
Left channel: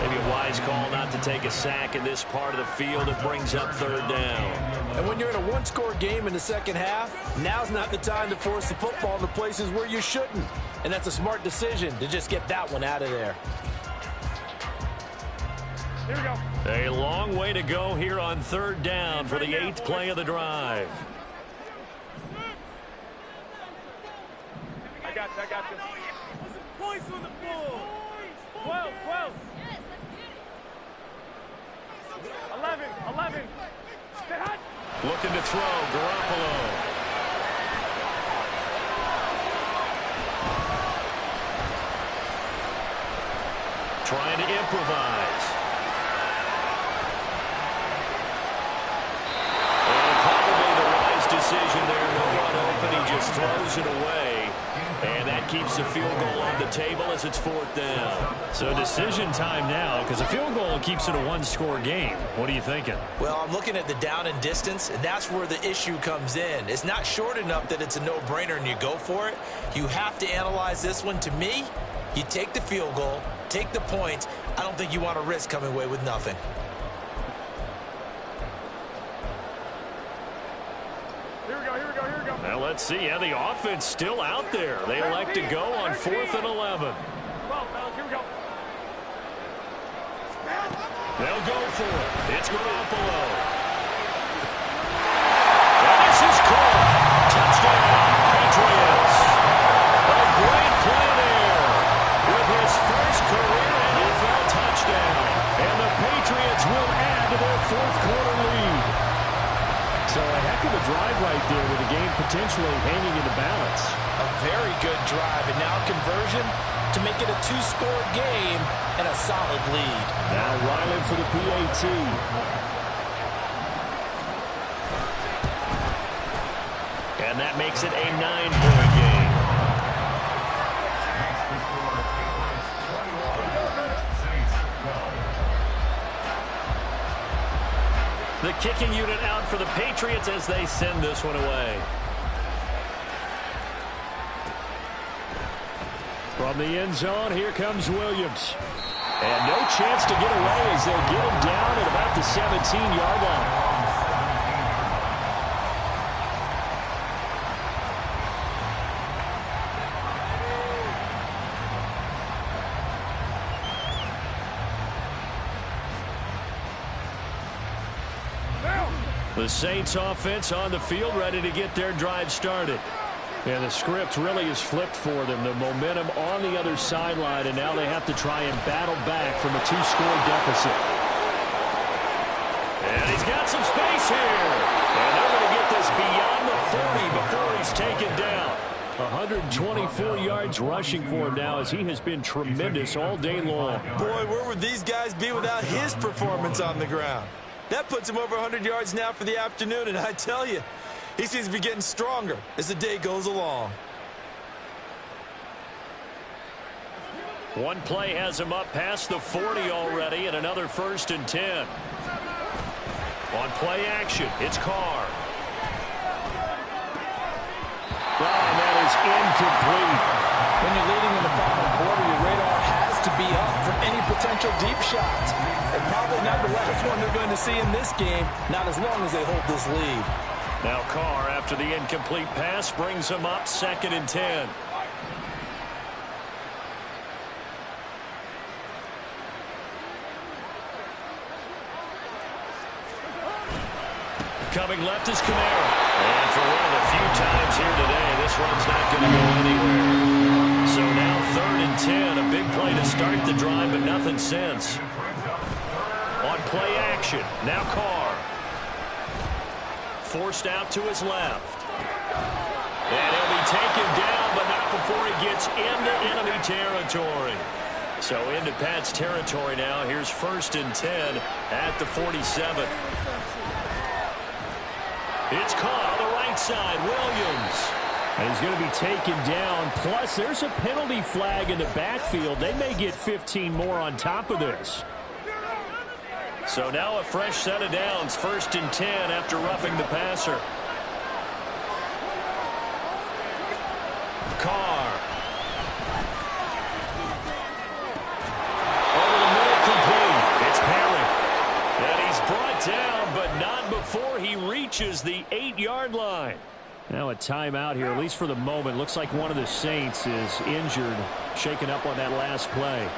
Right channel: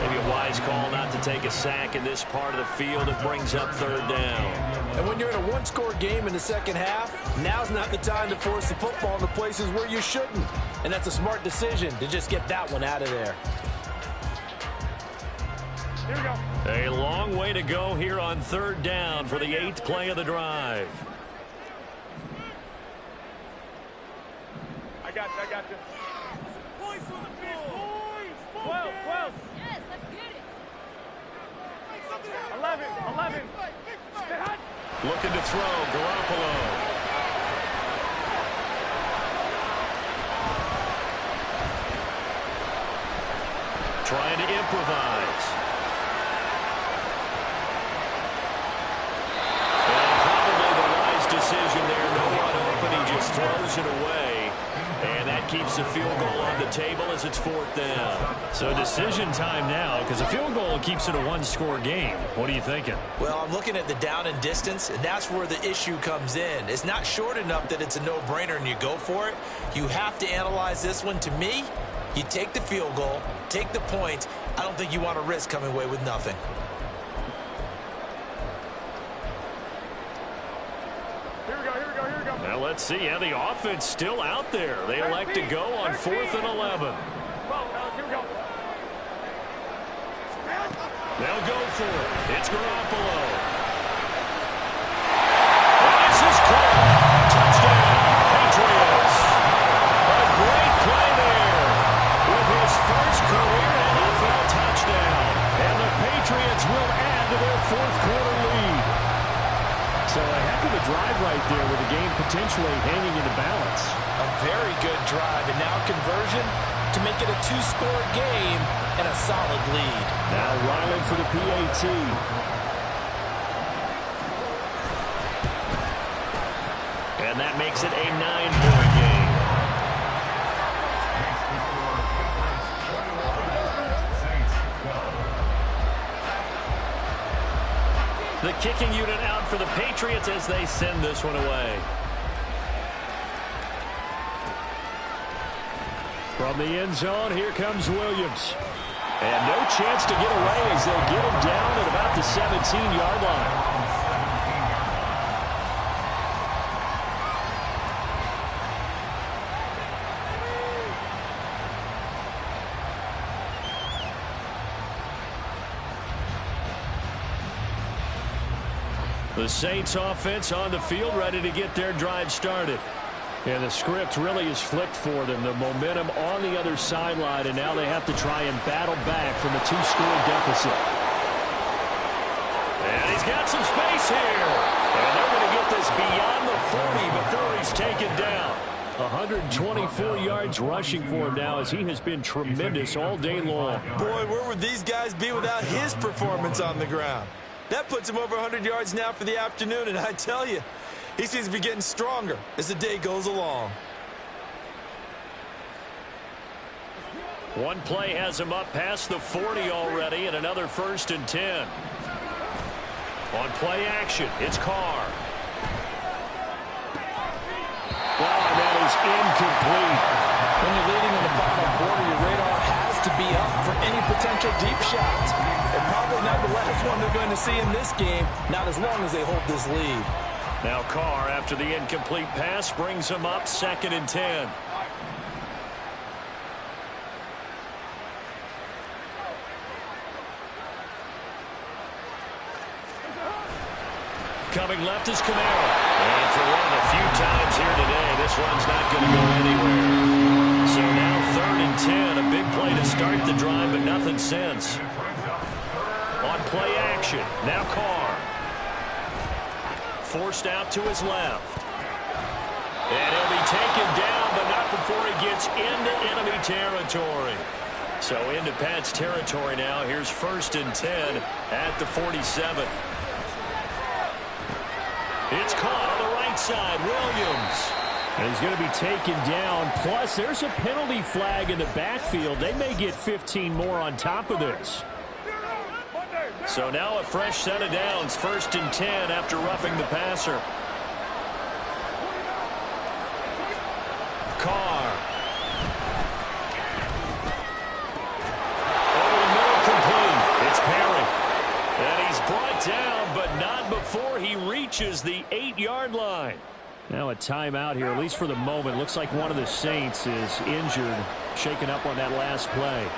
Maybe a wise call not to take a sack in this part of the field. It brings up 3rd down. And when you're in a one-score game in the second half, now's not the time to force the football in the places where you shouldn't. And that's a smart decision to just get that one out of there. Here we go. A long way to go here on third down for the 8th play of the drive. I got this. Put some points on the board. 12. Yes, let's get it. 11. Stay hot. Looking to throw, Garoppolo. Trying to improvise. And probably the wise decision there. No one open. He just throws it away. And that keeps the field goal on the table as it's 4th down. So decision time now, because a field goal keeps it a one-score game. What are you thinking? Well, I'm looking at the down and distance, and that's where the issue comes in. It's not short enough that it's a no-brainer and you go for it. You have to analyze this one. To me, you take the field goal, take the points. I don't think you want to risk coming away with nothing. Here we go. Well, let's see. Yeah, the offense still out there. They elect to go on 4th and 11. 12, fellas, here we go. They'll go for it. It's Garoppolo. And this is caught. Touchdown, Patriots. A great play there with his first career NFL touchdown. And the Patriots will add to their 4th quarter lead. So a heck of a drive right there with the game potentially hanging in the balance. A very good drive, and now conversion to make it a 2-score game and a solid lead. Now Ryland for the PAT. And that makes it a 9-point game. The kicking unit out for the Patriots as they send this one away. From the end zone, here comes Williams. And no chance to get away as they'll get him down at about the 17-yard line. The Saints offense on the field, ready to get their drive started. And the script really is flipped for them. The momentum on the other sideline, and now they have to try and battle back from a 2-score deficit. And he's got some space here. And they're going to get this beyond the 40 before he's taken down. 124 yards rushing for him now as he has been tremendous all day long. Boy, where would these guys be without his performance on the ground? That puts him over 100 yards now for the afternoon, and I tell you, he seems to be getting stronger as the day goes along. One play has him up past the 40 already, and another 1st and 10. On play action, it's Carr. Oh, and that is incomplete. When you're leading in the final quarter, your radar has to be up for any potential deep shots. And probably not the last one they're going to see in this game, not as long as they hold this lead. Now Carr, after the incomplete pass, brings him up 2nd and 10. Coming left is Camara. And for one of the few times here today, this run's not going to go anywhere. So now 3rd and 10, a big play to start the drive, but nothing since. On play action, now Carr. Forced out to his left. And he'll be taken down, but not before he gets into enemy territory. So into Pat's territory now. Here's 1st and 10 at the 47. It's caught on the right side, Williams. And he's going to be taken down. Plus, there's a penalty flag in the backfield. They may get 15 more on top of this. So now a fresh set of downs, 1st and 10 after roughing the passer. Carr. Over the middle, complete. It's Perry. And he's brought down, but not before he reaches the 8-yard line. Now a timeout here, at least for the moment. Looks like one of the Saints is injured, shaken up on that last play.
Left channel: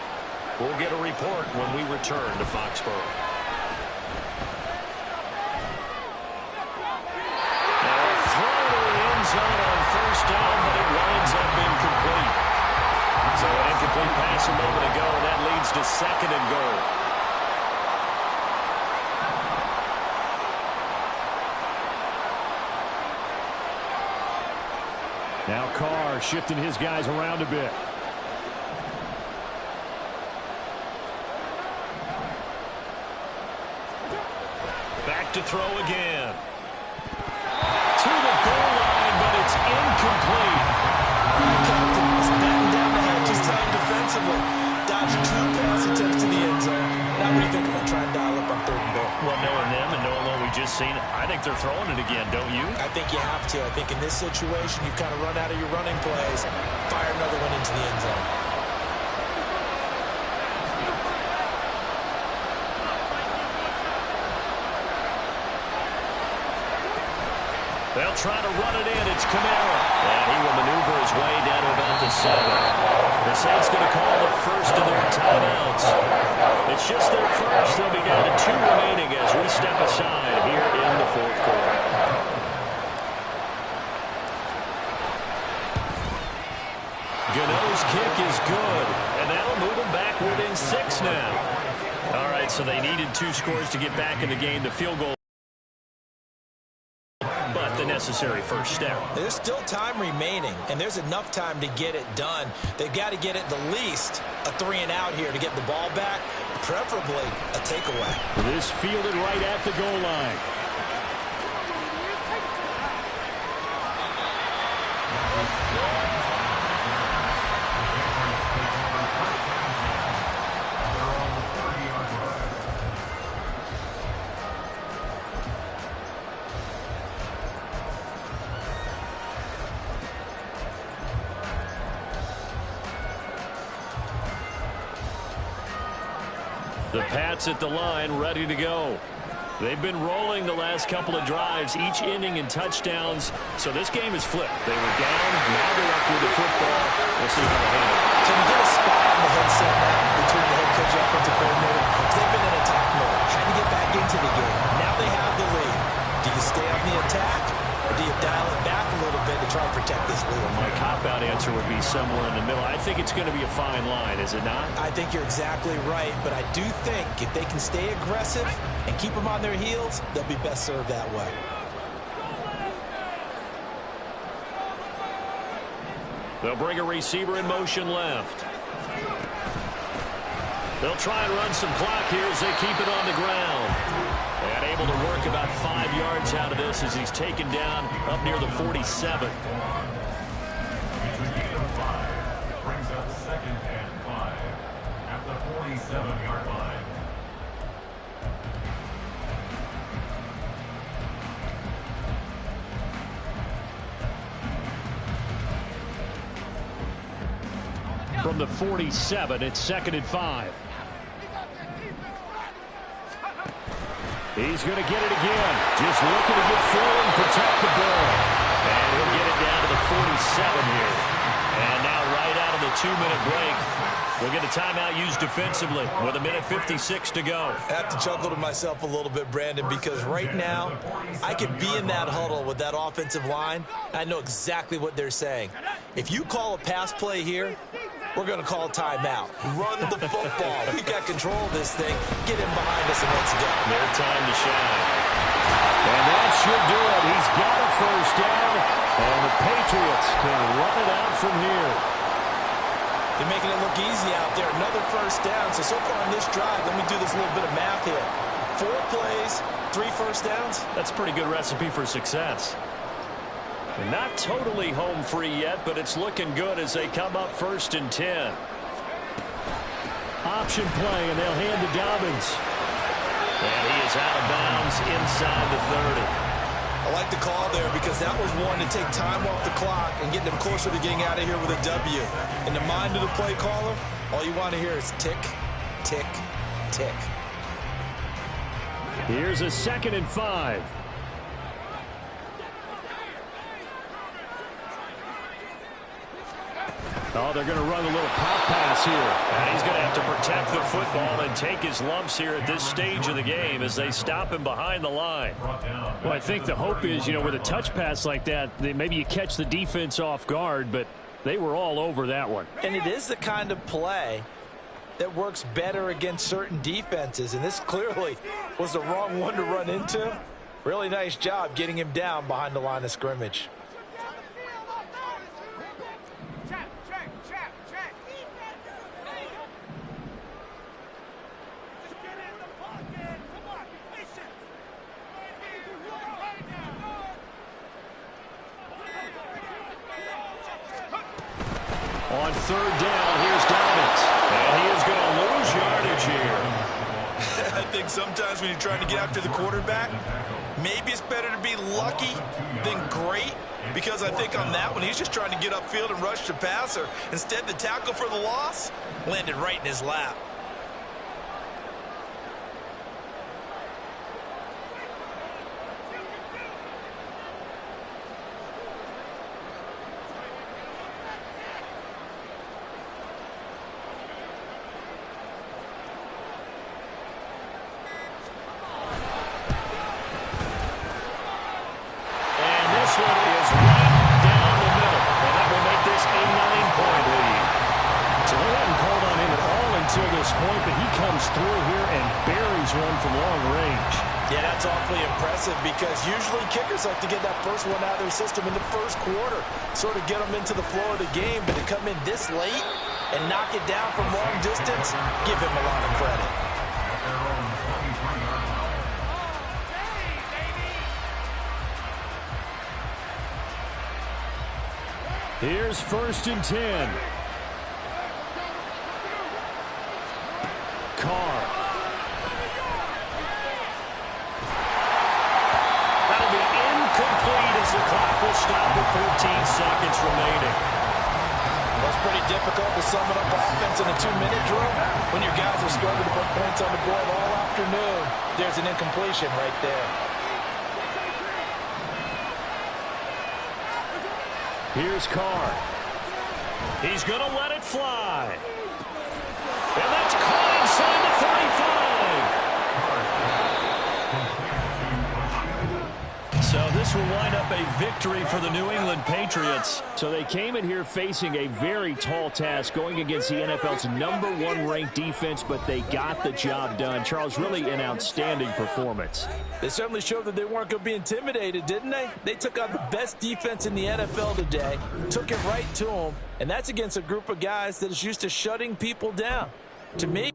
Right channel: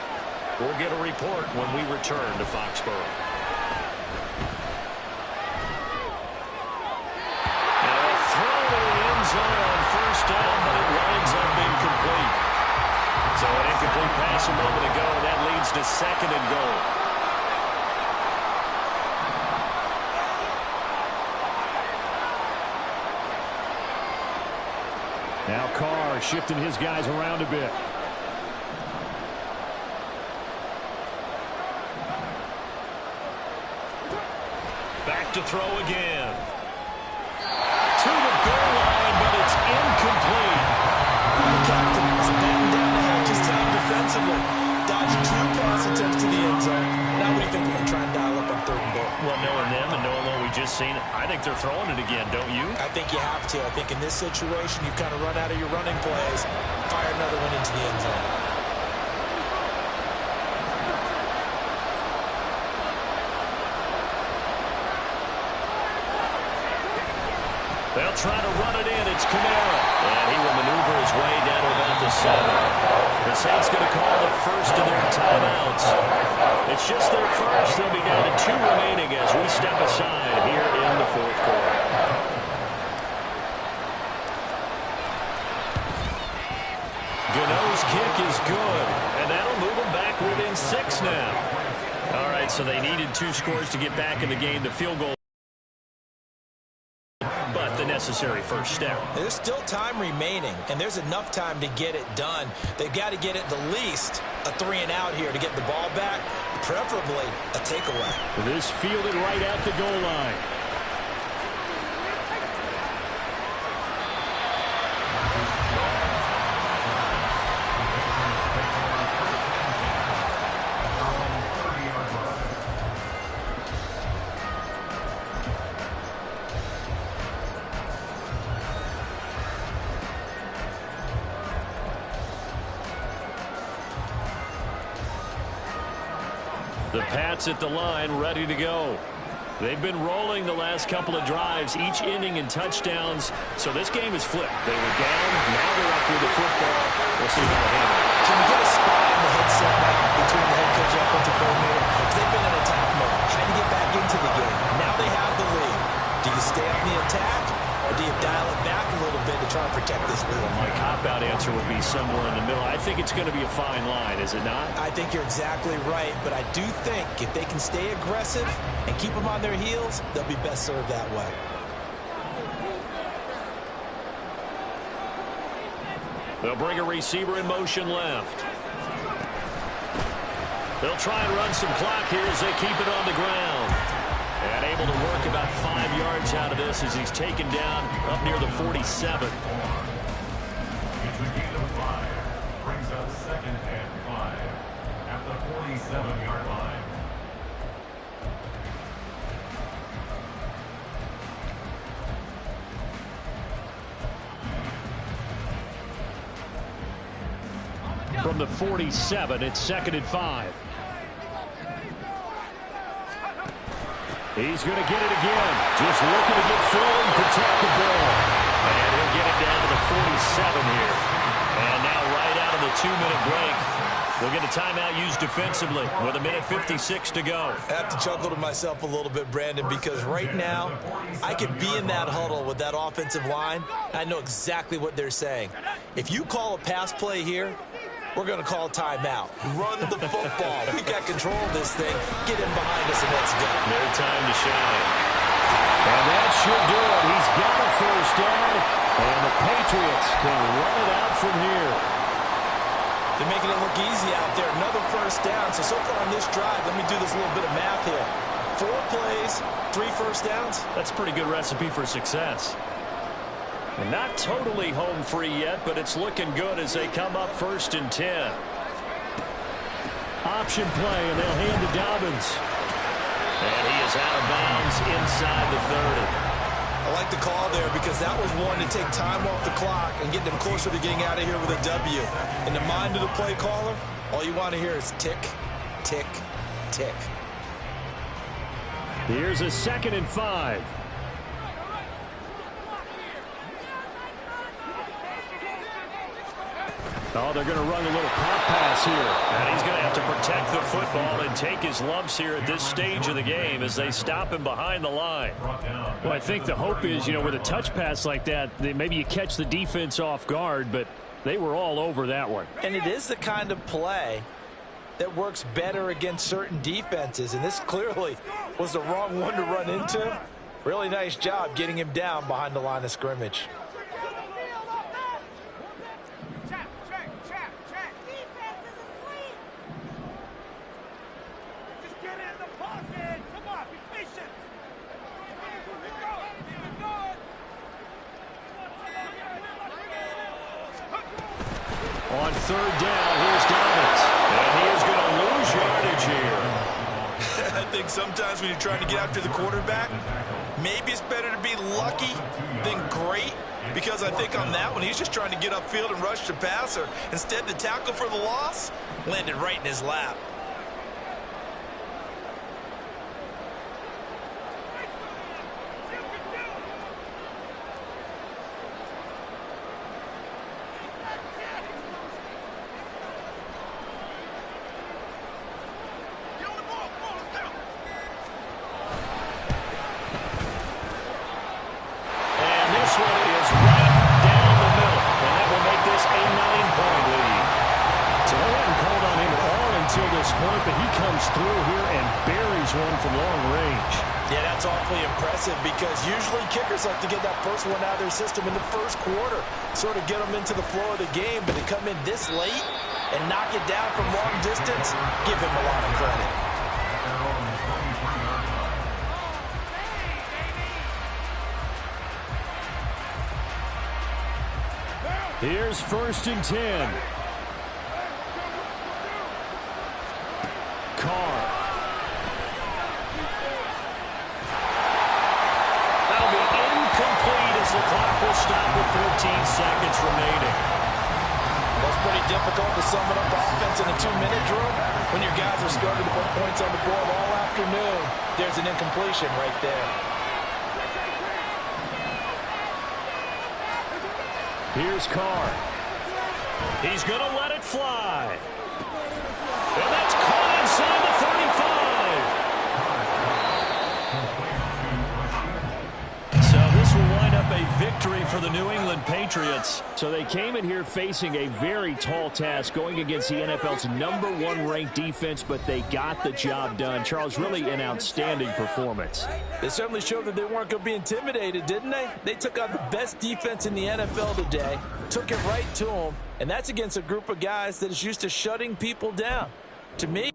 We'll get a report when we return to Foxborough. Now a throw to the end zone on first down, but it winds up incomplete. So an incomplete pass a moment ago, and that leads to second and goal. Now Carr shifting his guys around a bit. Back to throw again. To the goal line, but it's incomplete. Captain is batting down the hatches time defensively. Dodged 2 pass attempts to the end zone. Now what do you think they're going to try and dial up on 3rd and goal? Well, knowing them and knowing what we just seen, I think they're throwing it again, don't you? I think you have to. I think in this situation, you kind of run out of your running plays, fire another one into the end zone. They'll try to run it in. It's Kamara. And he will maneuver his way down to about the 7. The Saints going to call the first of their timeouts. It's just their first. They'll be down to 2 remaining as we step aside here in the 4th quarter. Gano's kick is good. And that'll move them back within 6 now. All right, so they needed 2 scores to get back in the game. The field goal, but the necessary first step. There's still time remaining, and there's enough time to get it done. They've got to get at the least a 3 and out here to get the ball back, preferably a takeaway. This fielded right at the goal line. The Pats at the line, ready to go. They've been rolling the last couple of drives, each inning in touchdowns. So this game is flipped. They were down, now they're up with the football. We'll see how they handle it. Can you get a spy on the headset now between the head coach and offensive coordinator? Because they've been in attack mode. Had to get back into the game. Now they have the lead. Do you stay on the attack, or do you dial it back a little bit to try and protect this lead? My cop-out answer would be somewhere in the middle. I think it's going to be a fine line, is it not? I think you're exactly right, but I do think if they can stay aggressive and keep them on their heels, they'll be best served that way. They'll bring a receiver in motion left. They'll try and run some clock here as they keep it on the ground. And able to work about 5 yards out of this as he's taken down up near the 47. It's a gain of 5. Brings up 2nd and 5 at the 47-yard line. From the 47, it's 2nd and 5. He's going to get it again. Just looking to get full and protect the ball. And he'll get it down to the 47 here. And now right out of the 2-minute break, we'll get a timeout used defensively with 1:56 to go. I have to chuckle to myself a little bit, Brandon, because right now I could be in that huddle with that offensive line. I know exactly what they're saying. If you call a pass play here, we're going to call timeout. Run the football. We got control of this thing. Get him behind us and let's go. Their time to shine. And that should do it. He's got a first down, and the Patriots can run it out from here. They're making it look easy out there. Another first down. So far on this drive, let me do this little bit of math here. 4 plays, 3 first downs. That's a pretty good recipe for success. And not totally home free yet, but it's looking good as they come up 1st and 10. Option play, and they'll hand to Dobbins. And he is out of bounds inside the 30. I like the call there because that was one to take time off the clock and get them closer to getting out of here with a W. In the mind of the play caller, all you want to hear is tick, tick, tick. Here's a 2nd and 5. Oh, they're going to run a little pop pass here. And he's going to have to protect the football and take his lumps here at this stage of the game as they stop him behind the line. Well, I think the hope is, with a touch pass like that, maybe you catch the defense off guard, but they were all over that one. And it is the kind of play that works better against certain defenses, and this clearly was the wrong one to run into. Really nice job getting him down behind the line of scrimmage. On third down, here's Dobbins. And he is going to lose yardage here. I think sometimes when you're trying to get after the quarterback, maybe it's better to be lucky than great, because I think on that one, he's just trying to get upfield and rush the passer. Instead, the tackle for the loss landed right in his lap. This one is right down the middle, and that will make this a 9-point lead. So they hadn't called on him at all until this point, but he comes through here and buries one from long range. Yeah, that's awfully impressive, because usually kickers like to get that first one out of their system in the first quarter, sort of get them into the flow of the game, but to come in this late and knock it down from long distance, give him a lot of credit. Here's 1st and 10. Carr. That'll be incomplete as the clock will stop with 14 seconds remaining. Well, it's pretty difficult to sum it up offense in a 2-minute drill when your guys have struggled to put points on the board all afternoon. There's an incompletion right there. Here's Carr. He's going to let it fly. And that's caught inside the 35. So this will wind up a victory for the New England Patriots. So they came in here facing a very tall task, going against the NFL's #1 ranked defense, but they got the job done. Charles, really an outstanding performance. They certainly showed that they weren't going to be intimidated, didn't they? They took out the best defense in the NFL today, took it right to them, and that's against a group of guys that is used to shutting people down. To me,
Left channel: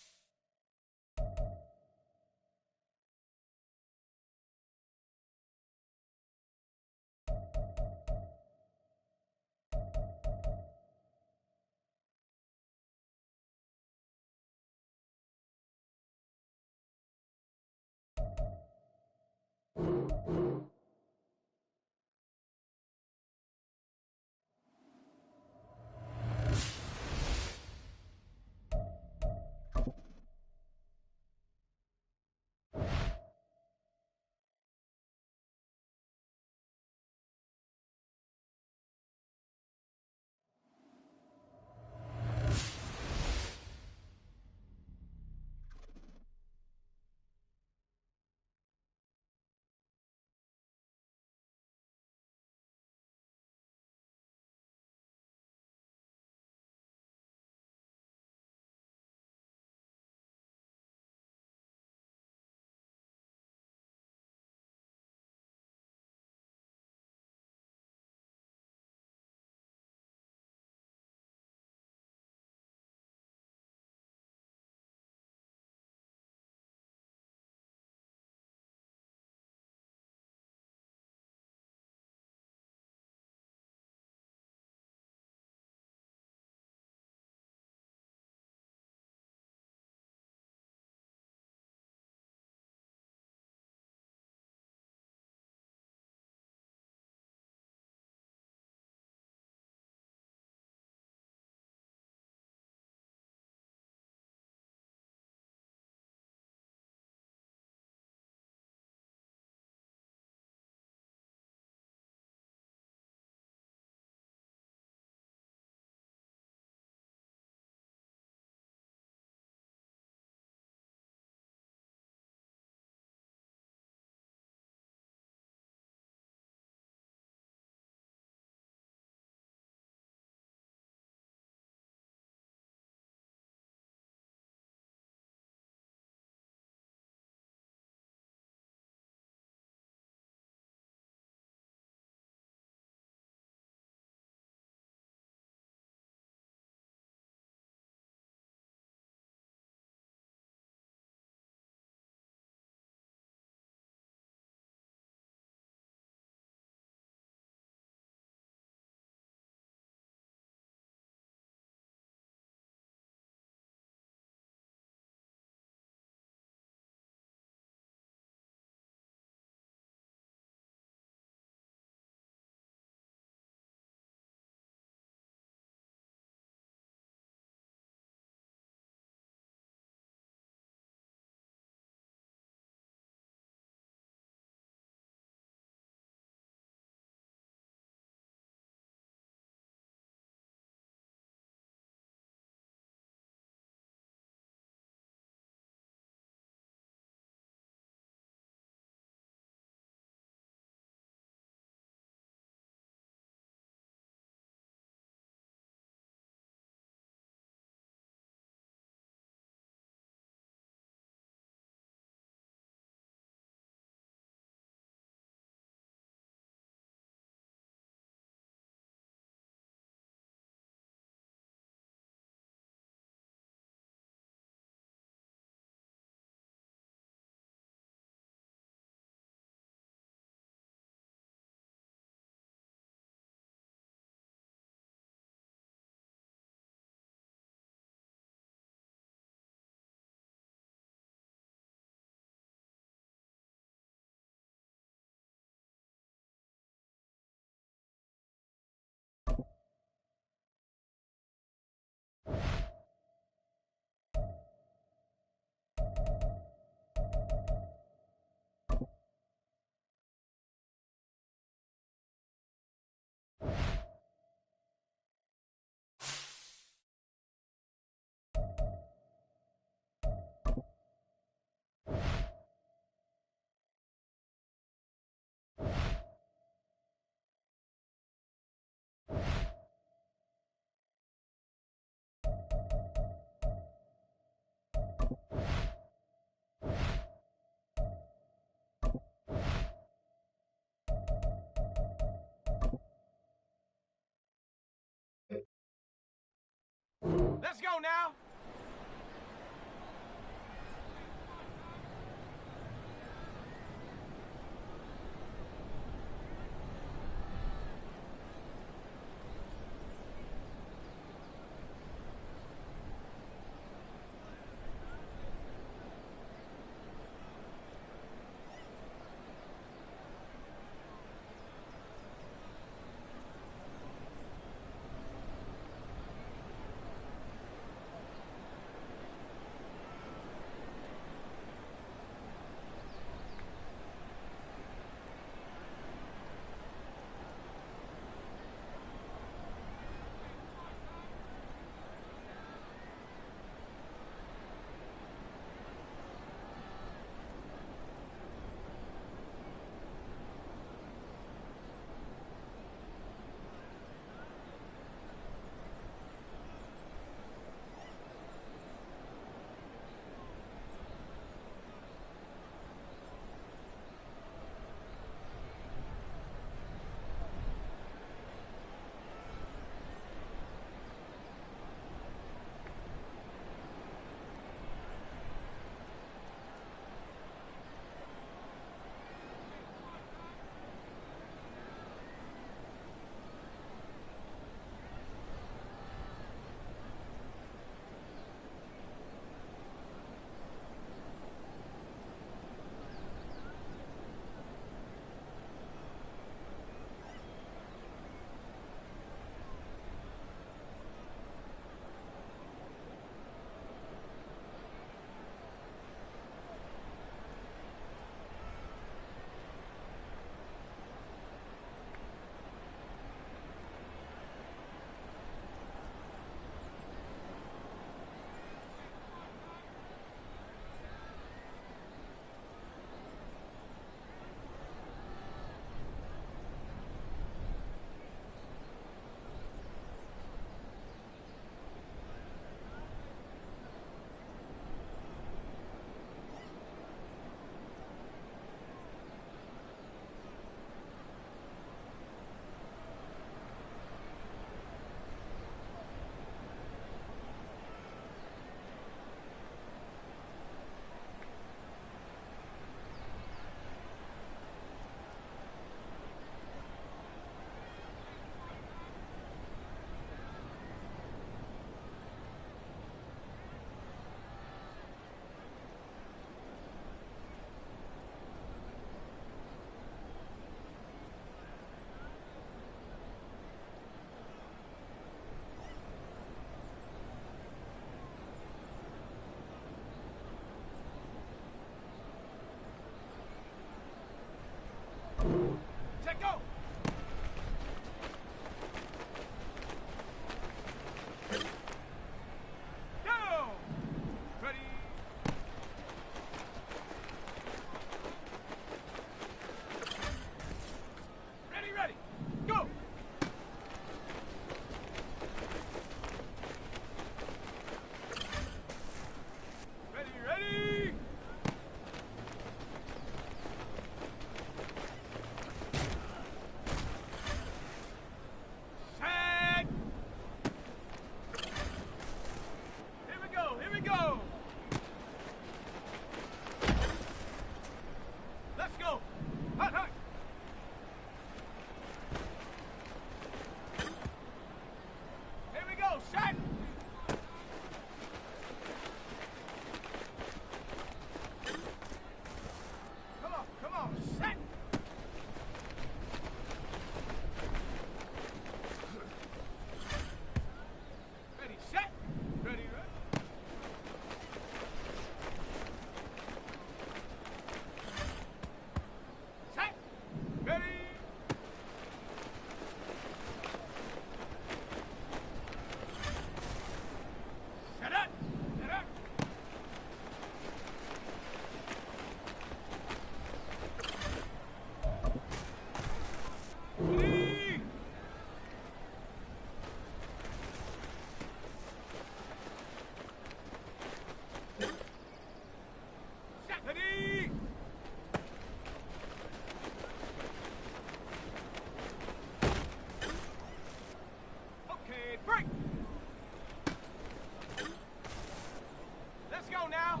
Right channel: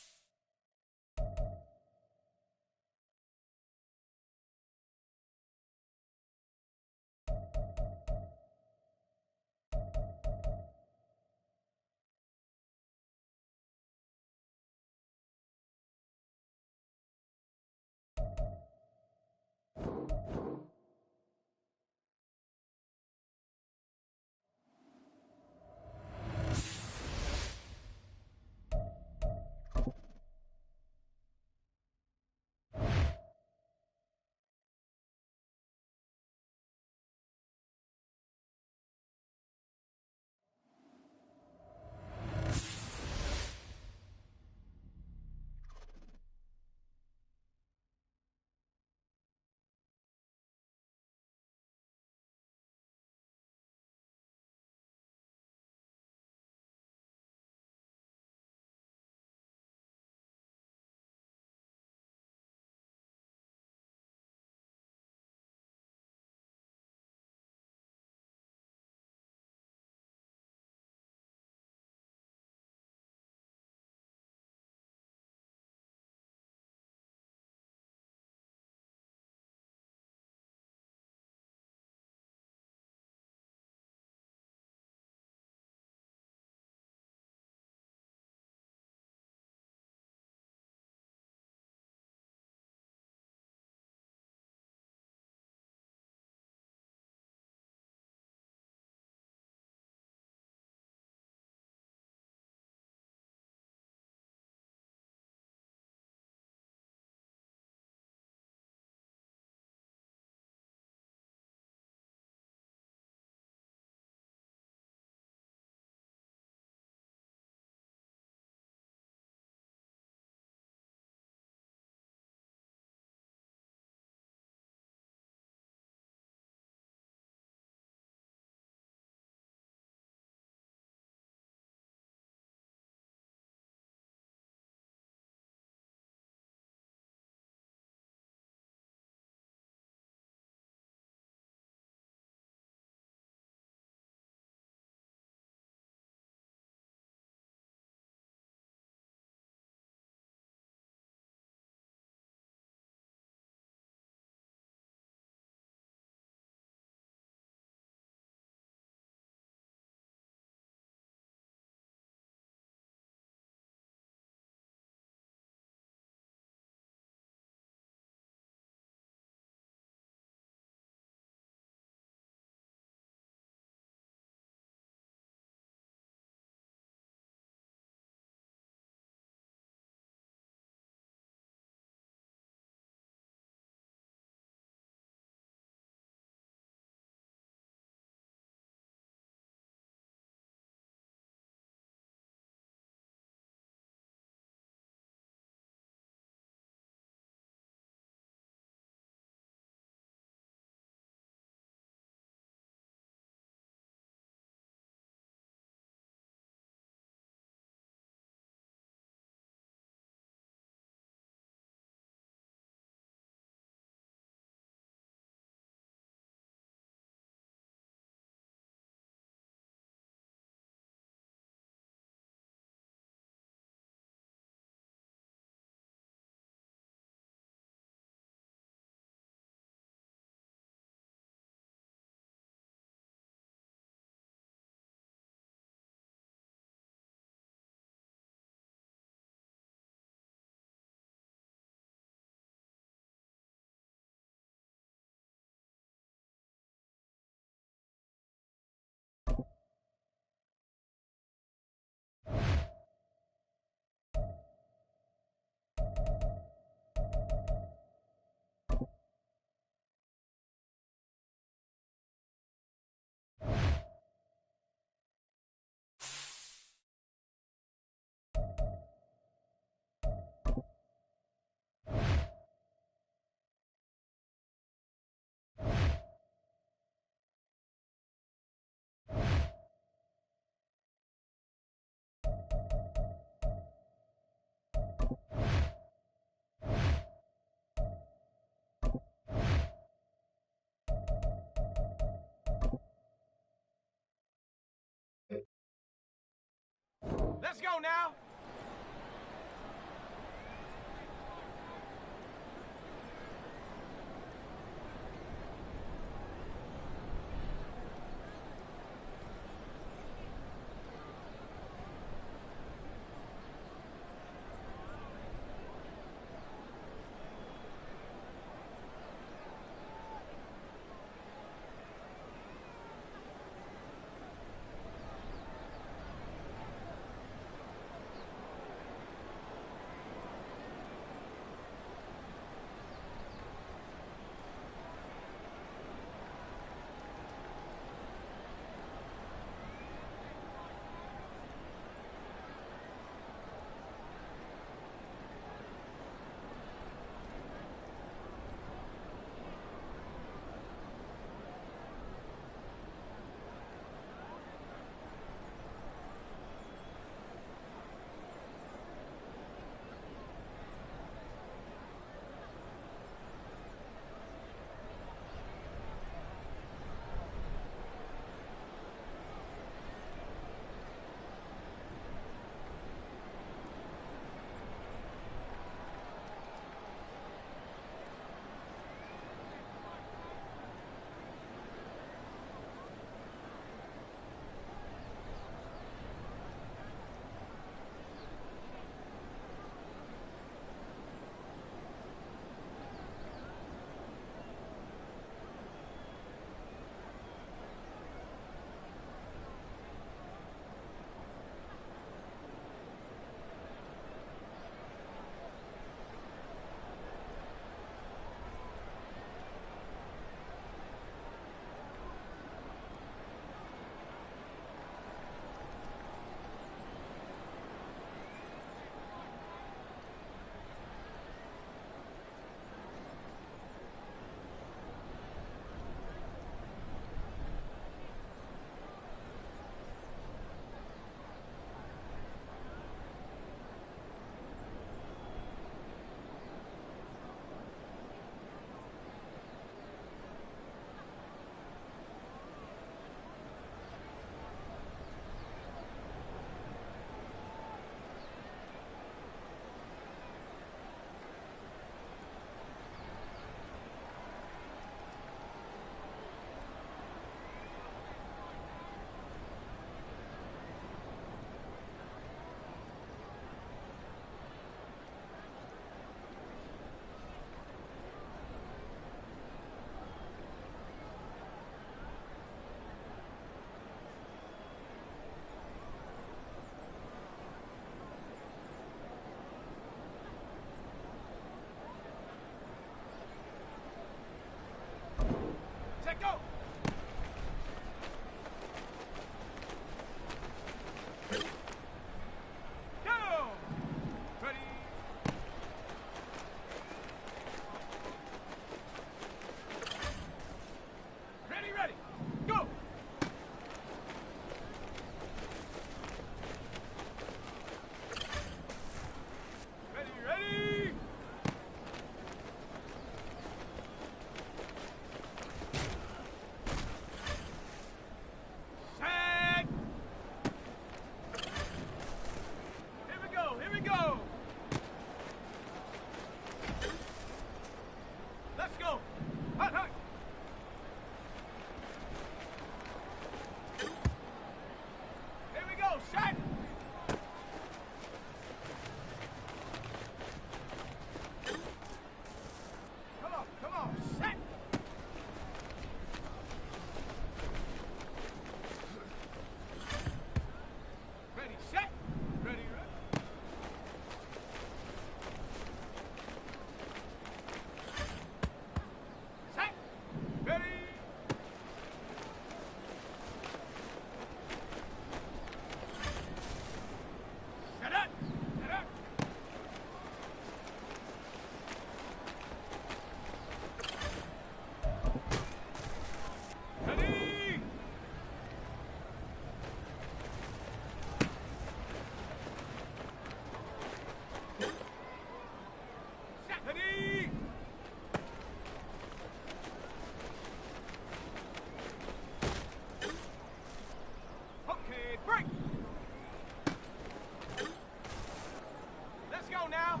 go now.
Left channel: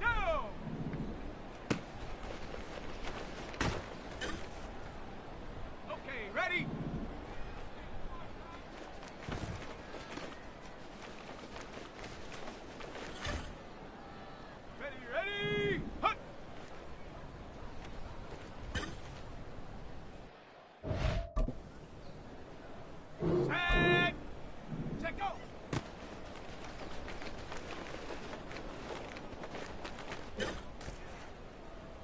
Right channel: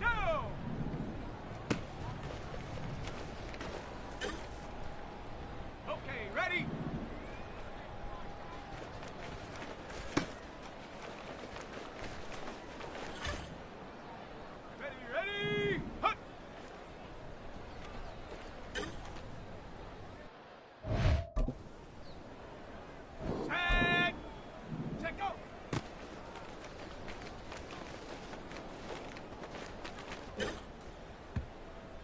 Go! Okay, ready? Ready? Hut! Set, go!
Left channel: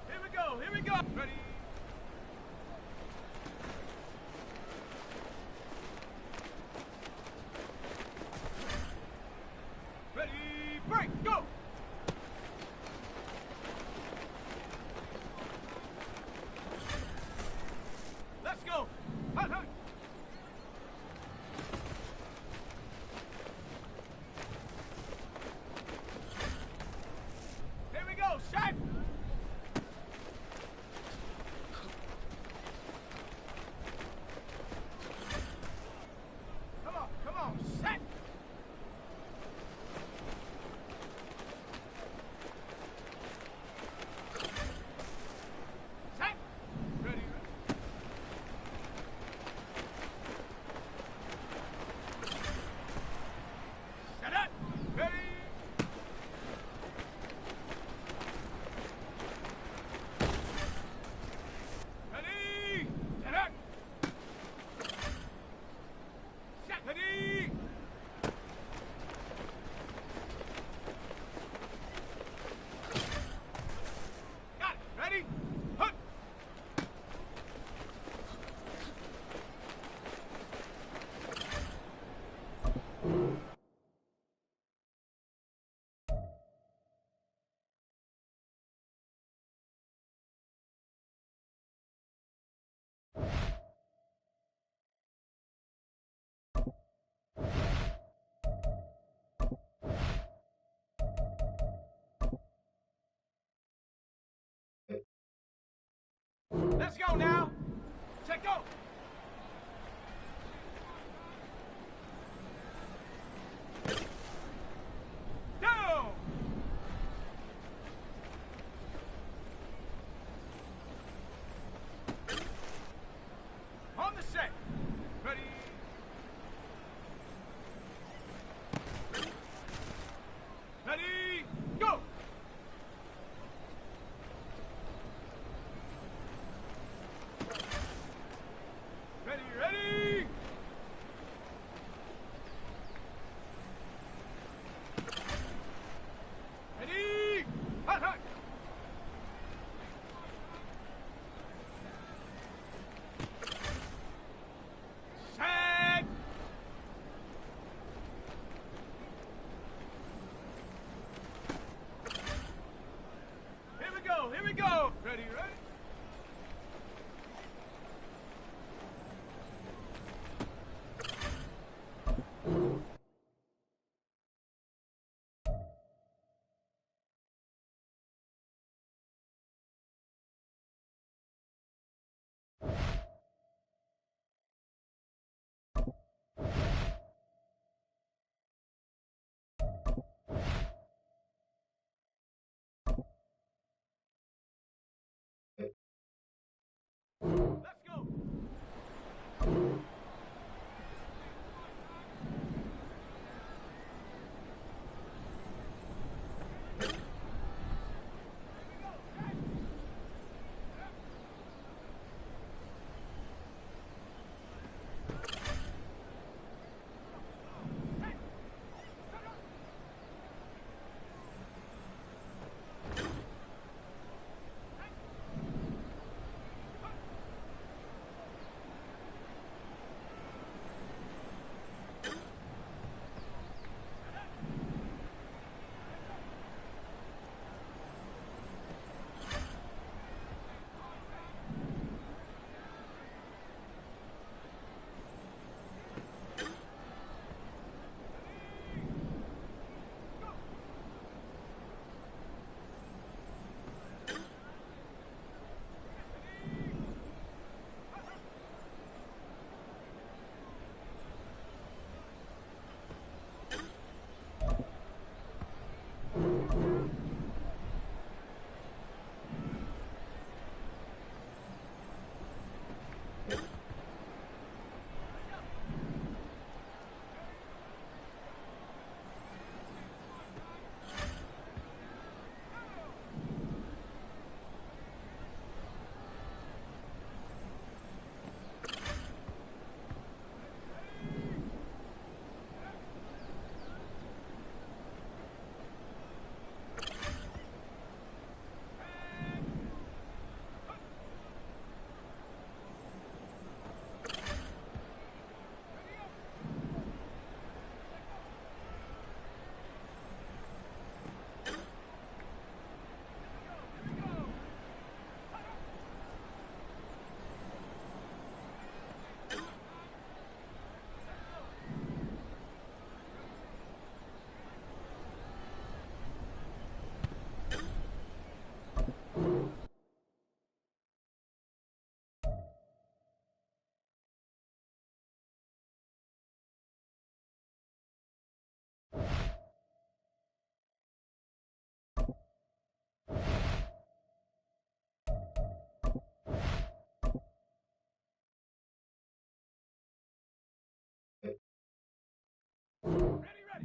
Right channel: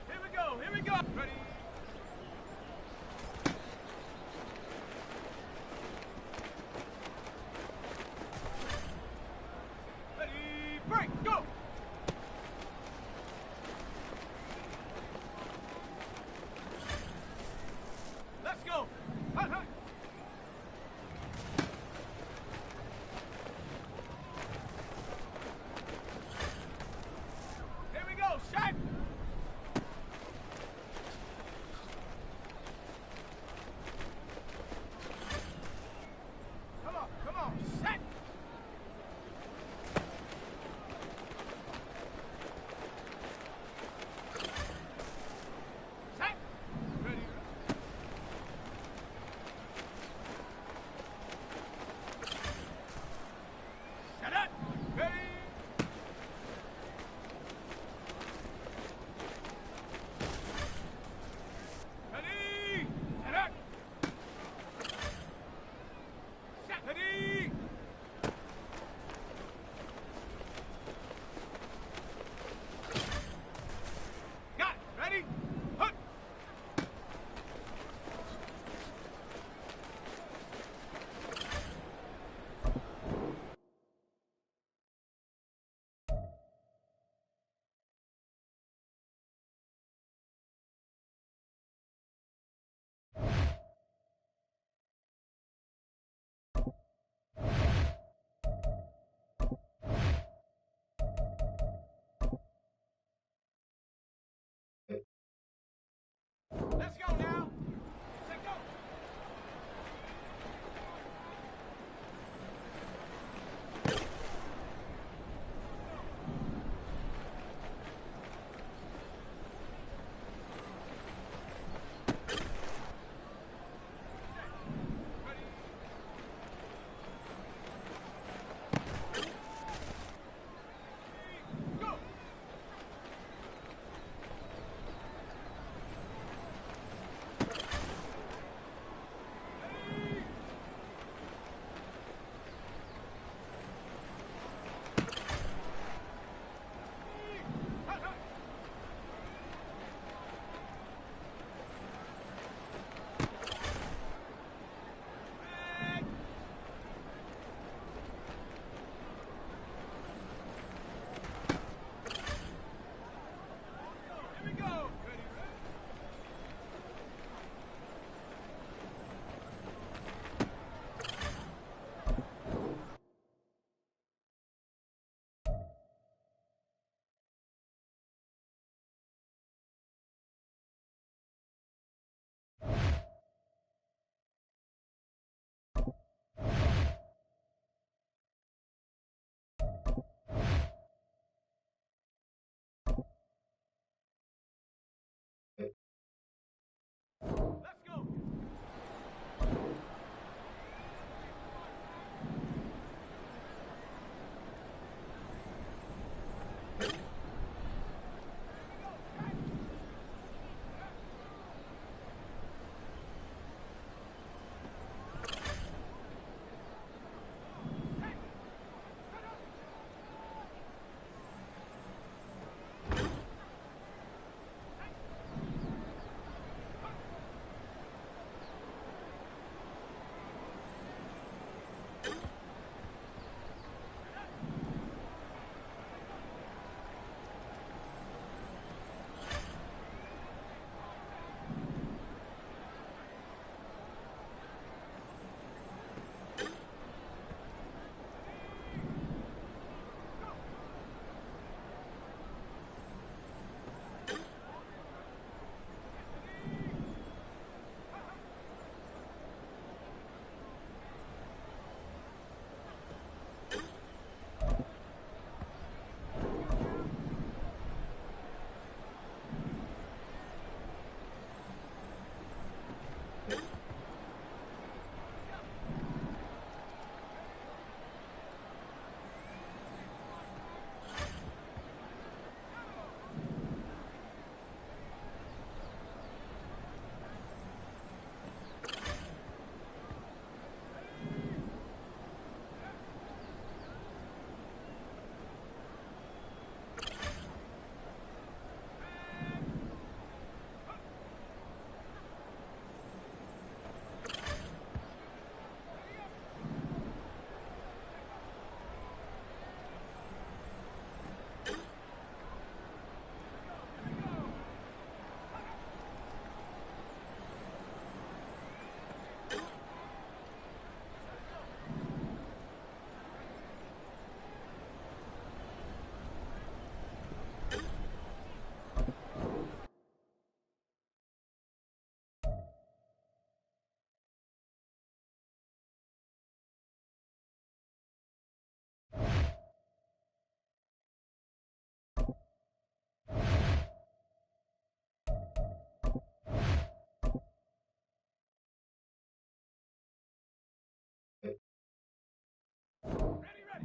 Here we go, Ready?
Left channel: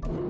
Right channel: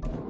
line.